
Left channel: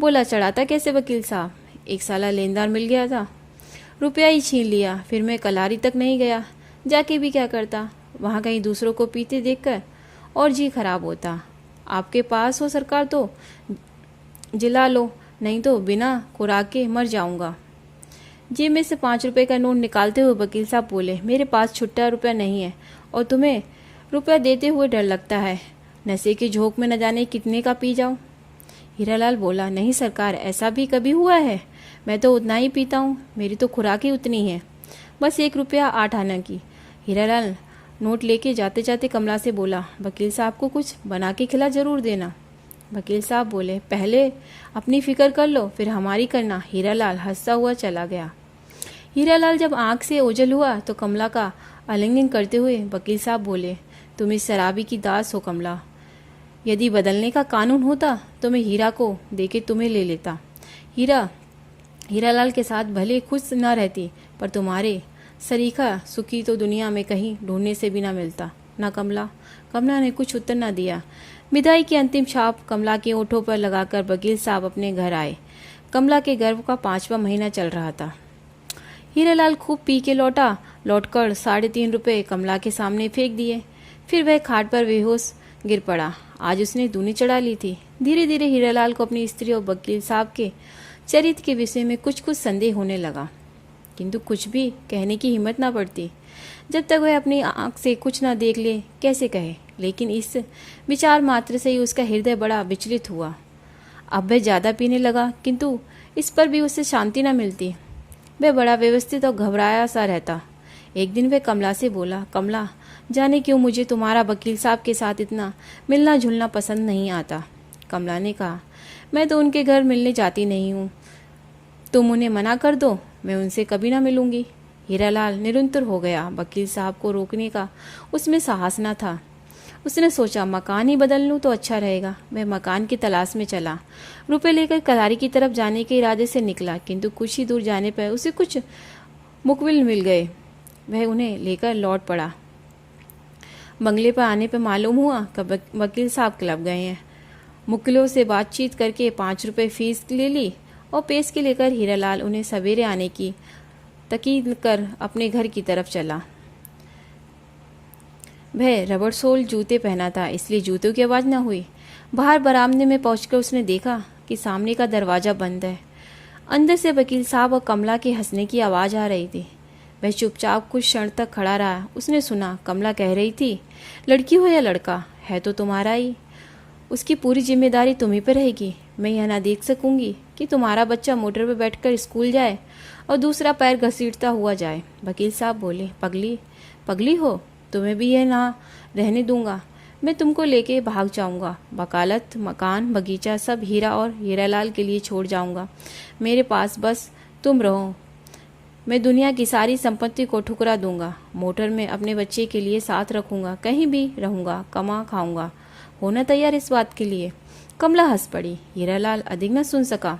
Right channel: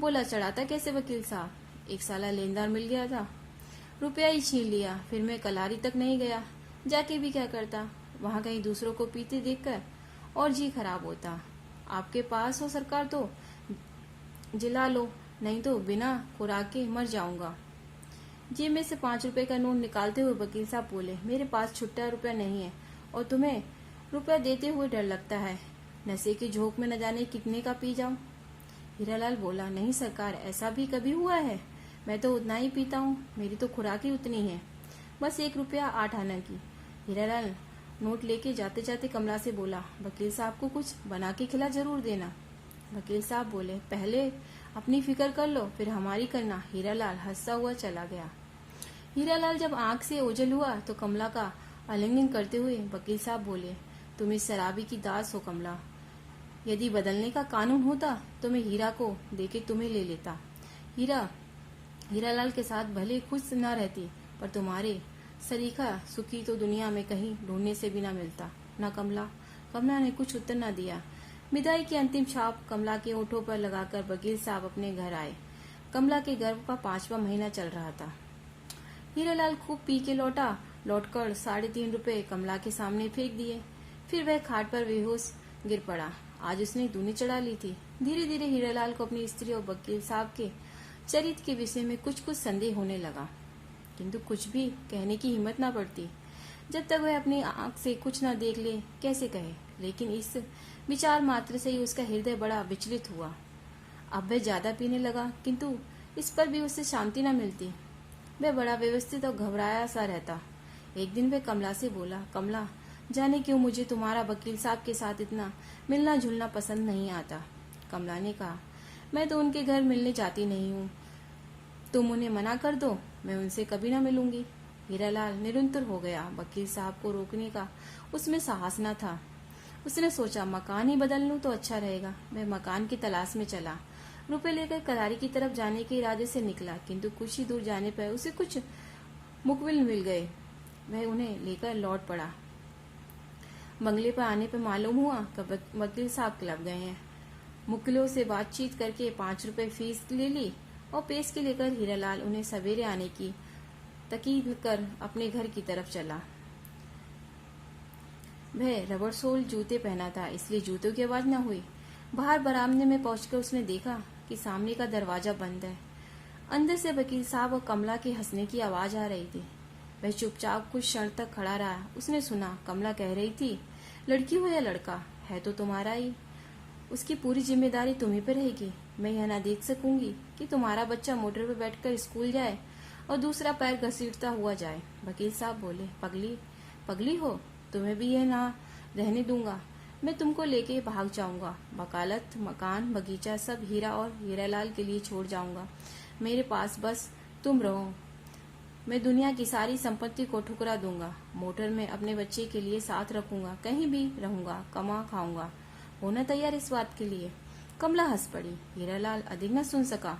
बोला, चढ़ाता कैसे वकील साहब? एक साला लेनदार मिल गया था, रुपया ही छीन लिया। फिर मैं कलारी तक नहीं गया, जाके भी क्या करता? वहाँ कहीं दूसरों को पीते देखकर और जी खराब होता। आपके पास हो सरकार तो जिला लो, नहीं तो बिना खुराक के मर जाऊंगा। जेब में से 5 रुपए का नोट निकालते हुए वकील साहब बोले, मेरे पास छुट्टा रुपया नहीं है और तुम्हें रुपया देते हुए डर लगता है। नशे के झोंक में न जाने कितने का पी जाऊं। हीरालाल बोला, नहीं सरकार, ऐसा भी कभी हुआ है? मैं तो उतना ही पीता हूँ, मेरी तो खुराक ही उतनी है, बस 1 रुपया 8 आना की। हीरालाल नोट लेके जाते जाते कमला से बोला, वकील साहब को कुछ बना के खिला जरूर देना। वकील साहब बोले, पहले अपनी फिक्र कर लो, फिर हमारी करना। हीरालाल हंसता हुआ चला गया। हीरालाल जब आंख से ओझल हुआ तो कमला का आलिंगन करते हुए वकील साहब बोले, तुम इस शराबी की दास हो कमला। यदि बदलने का कानून होता तो मैं हीरा को देके तुम्हें ले लेता। हीरालाल के साथ भले खुश न रहती, पर तुम्हारे सरीखा सुखी तो दुनिया में कहीं ढूंढने से भी न मिलता ना कमला। कमला ने कुछ उत्तर न दिया। विदाई की अंतिम छाप कमला के ओठों पर लगाकर वकील साहब अपने घर आए। कमला के गर्भ का 5वां महीना चल रहा था। हीरालाल खूब पी के लौटकर 3.5 रुपए कमला के सामने फेंक दिए। फिर वह खाट पर बेहोश गिर पड़ा। आज उसने दूनी चढ़ा ली थी। धीरे धीरे हीरालाल को अपनी स्त्री और वकील साहब के चरित्र के विषय में कुछ संदेह होने लगा, किंतु कुछ भी कहने की हिम्मत न पड़ती। जब तक वह अपनी आंख से कुछ न देख ले कैसे कहे। लेकिन इस विचार मात्र से ही उसका हृदय बड़ा विचलित हुआ। अब वह ज़्यादा पीने लगा, किंतु इस पर भी उसे शांति न मिलती। वह बड़ा व्यवस्थित और घबराया सा रहता। एक दिन वह कमला से बोला, कमला, जाने क्यों मुझे तुम्हारा वकील साहब के साथ इतना मिलना जुलना पसंद नहीं आता। कमला ने कहा, मैं तो उनके घर मिलने जाती नहीं हूँ, तुम उन्हें मना कर दो, मैं उनसे कभी ना मिलूंगी। हीरालाल निरंतर हो गया। वकील साहब को रोकने का उसमें साहस न था। उसने सोचा मकान ही बदल लूं तो अच्छा रहेगा। वह मकान की तलाश में चला। रुपए लेकर कलारी की तरफ जाने के इरादे से निकला, किंतु कुछ ही दूर जाने पर उसे कुछ मुकबिल मिल गए। वह उन्हें लेकर लौट पड़ा। बंगले पर आने पर मालूम हुआ कि वकील साहब क्लब गए हैं। मुक्किलों से बातचीत करके 5 रुपए फीस ले ली और पेश के लेकर हीरालाल उन्हें सवेरे आने की तकीद कर अपने घर की तरफ चला। वह रबड़ सोल जूते पहना था, इसलिए जूतों की आवाज़ न हुई। बाहर बरामदे में पहुंचकर उसने देखा कि सामने का दरवाज़ा बंद है। अंदर से वकील साहब और कमला के हंसने की आवाज़ आ रही थी। वह चुपचाप कुछ क्षण तक खड़ा रहा। उसने सुना कमला कह रही थी, लड़की हो या लड़का है तो तुम्हारा ही, उसकी पूरी जिम्मेदारी तुम्हीं पर रहेगी। मैं यह ना देख सकूंगी कि तुम्हारा बच्चा मोटर पर बैठकर स्कूल जाए और दूसरा पैर घसीटता हुआ जाए। वकील साहब बोले, पगली हो, तुम्हें भी यह ना रहने दूंगा। मैं तुमको लेके भाग जाऊंगा। वकालत, मकान, बगीचा सब हीरा और हीरालाल के लिए छोड़ जाऊंगा। मेरे पास बस तुम रहो। मैं दुनिया की सारी संपत्ति को ठुकरा दूंगा। मोटर में अपने बच्चे के लिए साथ रखूंगा। कहीं भी रहूंगा, कमा खाऊंगा। होना तैयार इस बात के लिए? कमला हंस पड़ी। हीरालाल अधिक न सुन सका।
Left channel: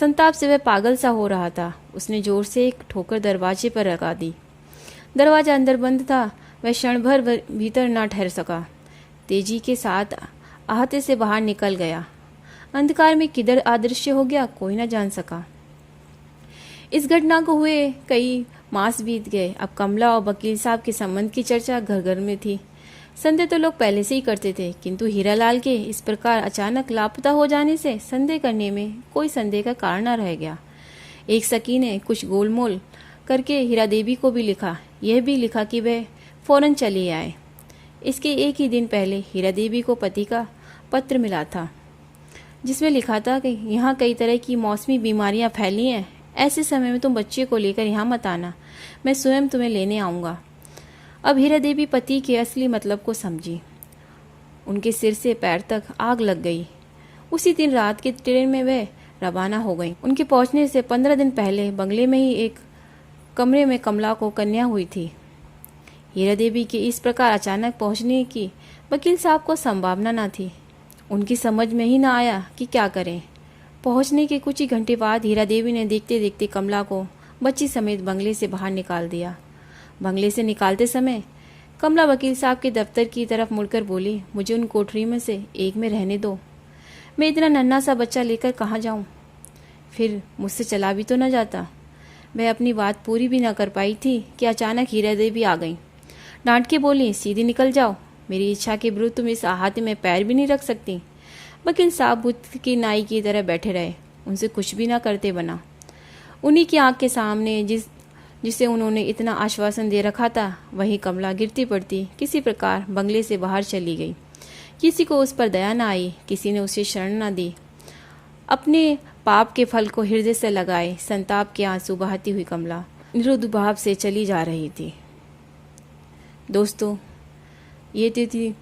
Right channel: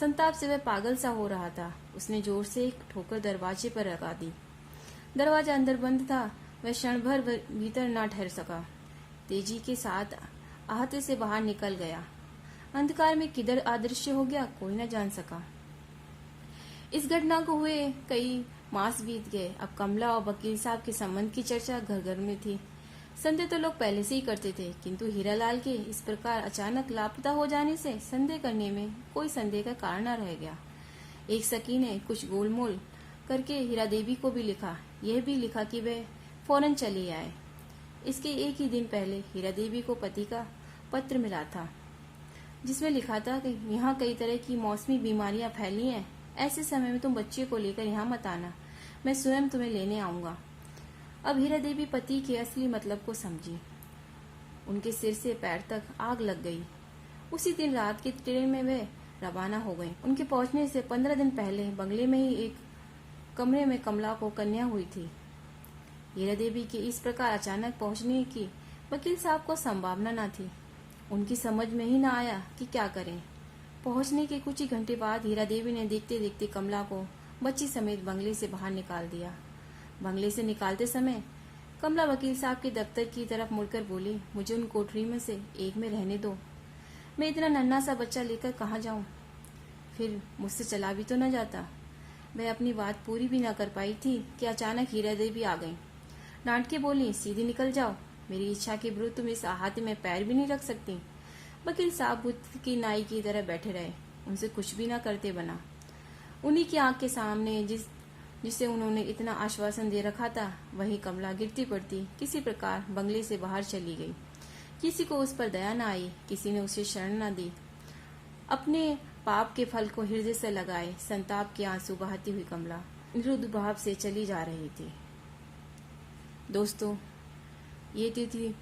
संताप से वह पागल सा हो रहा था। उसने जोर से एक ठोकर दरवाजे पर लगा दी। दरवाजा अंदर बंद था। वह क्षण भर भीतर न ठहर सका। तेजी के साथ आहते से बाहर निकल गया। अंधकार में किधर अदृश्य हो गया कोई न जान सका। इस घटना को हुए कई मास बीत गए। अब कमला और वकील साहब के संबंध की चर्चा घर घर में थी। संदेह तो लोग पहले से ही करते थे, किंतु हीरालाल के इस प्रकार अचानक लापता हो जाने से संदेह करने में कोई संदेह का कारण न रह गया। एक सखी ने कुछ गोलमोल करके हीरा देवी को भी लिखा। यह भी लिखा कि वह फौरन चली आए। इसके एक ही दिन पहले हीरा देवी को पति का पत्र मिला था, जिसमें लिखा था कि यहाँ कई तरह की मौसमी बीमारियाँ फैली हैं। ऐसे समय में तुम बच्चे को लेकर यहाँ मत आना, मैं स्वयं तुम्हें लेने आऊँगा। अब हीरा देवी पति के असली मतलब को समझी। उनके सिर से पैर तक आग लग गई। उसी दिन रात की ट्रेन में वह रवाना हो गई। उनके पहुंचने से 15 दिन पहले बंगले में ही एक कमरे में कमला को कन्या हुई थी। हीरा देवी के इस प्रकार अचानक पहुंचने की वकील साहब को संभावना न थी। उनकी समझ में ही न आया कि क्या करें। पहुंचने के कुछ ही घंटे बाद हीरा देवी ने देखते देखते कमला को बच्ची समेत बंगले से बाहर निकाल दिया। बंगले से निकालते समय कमला वकील साहब के दफ्तर की तरफ मुड़कर बोली, मुझे उन कोठरी में से एक में रहने दो। मैं इतना नन्हा सा बच्चा लेकर कहाँ जाऊँ? फिर मुझसे चला भी तो न जाता। वह अपनी बात पूरी भी न कर पाई थी कि अचानक हीरा देवी आ गई। डांट के बोली, सीधी निकल जाओ, मेरी इच्छा के विरुद्ध तुम इस आहते में पैर भी नहीं रख सकती। वकील साहब बुद्ध की नाई की तरह बैठे रहे, उनसे कुछ भी ना करते बना। उन्हीं की आंख के सामने जिसे उन्होंने इतना आश्वासन दे रखा था, वही कमला गिरती पड़ती किसी प्रकार बंगले से बाहर चली गई। किसी को उस पर दया न आई, किसी ने उसे शरण न दी। अपने पाप के फल को हृदय से लगाए संताप के आंसू बहाती हुई कमला निरुद्ध भाव से चली जा रही थी। दोस्तों, ये थी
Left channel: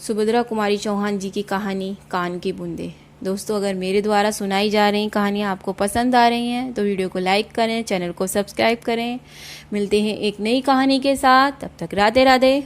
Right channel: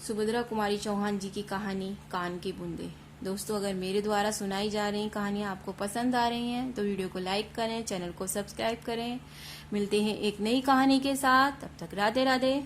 सुभद्रा कुमारी चौहान जी की कहानी कान की बूंदे। दोस्तों, अगर मेरे द्वारा सुनाई जा रही कहानियाँ आपको पसंद आ रही हैं तो वीडियो को लाइक करें, चैनल को सब्सक्राइब करें। मिलते हैं एक नई कहानी के साथ, तब तक राधे राधे।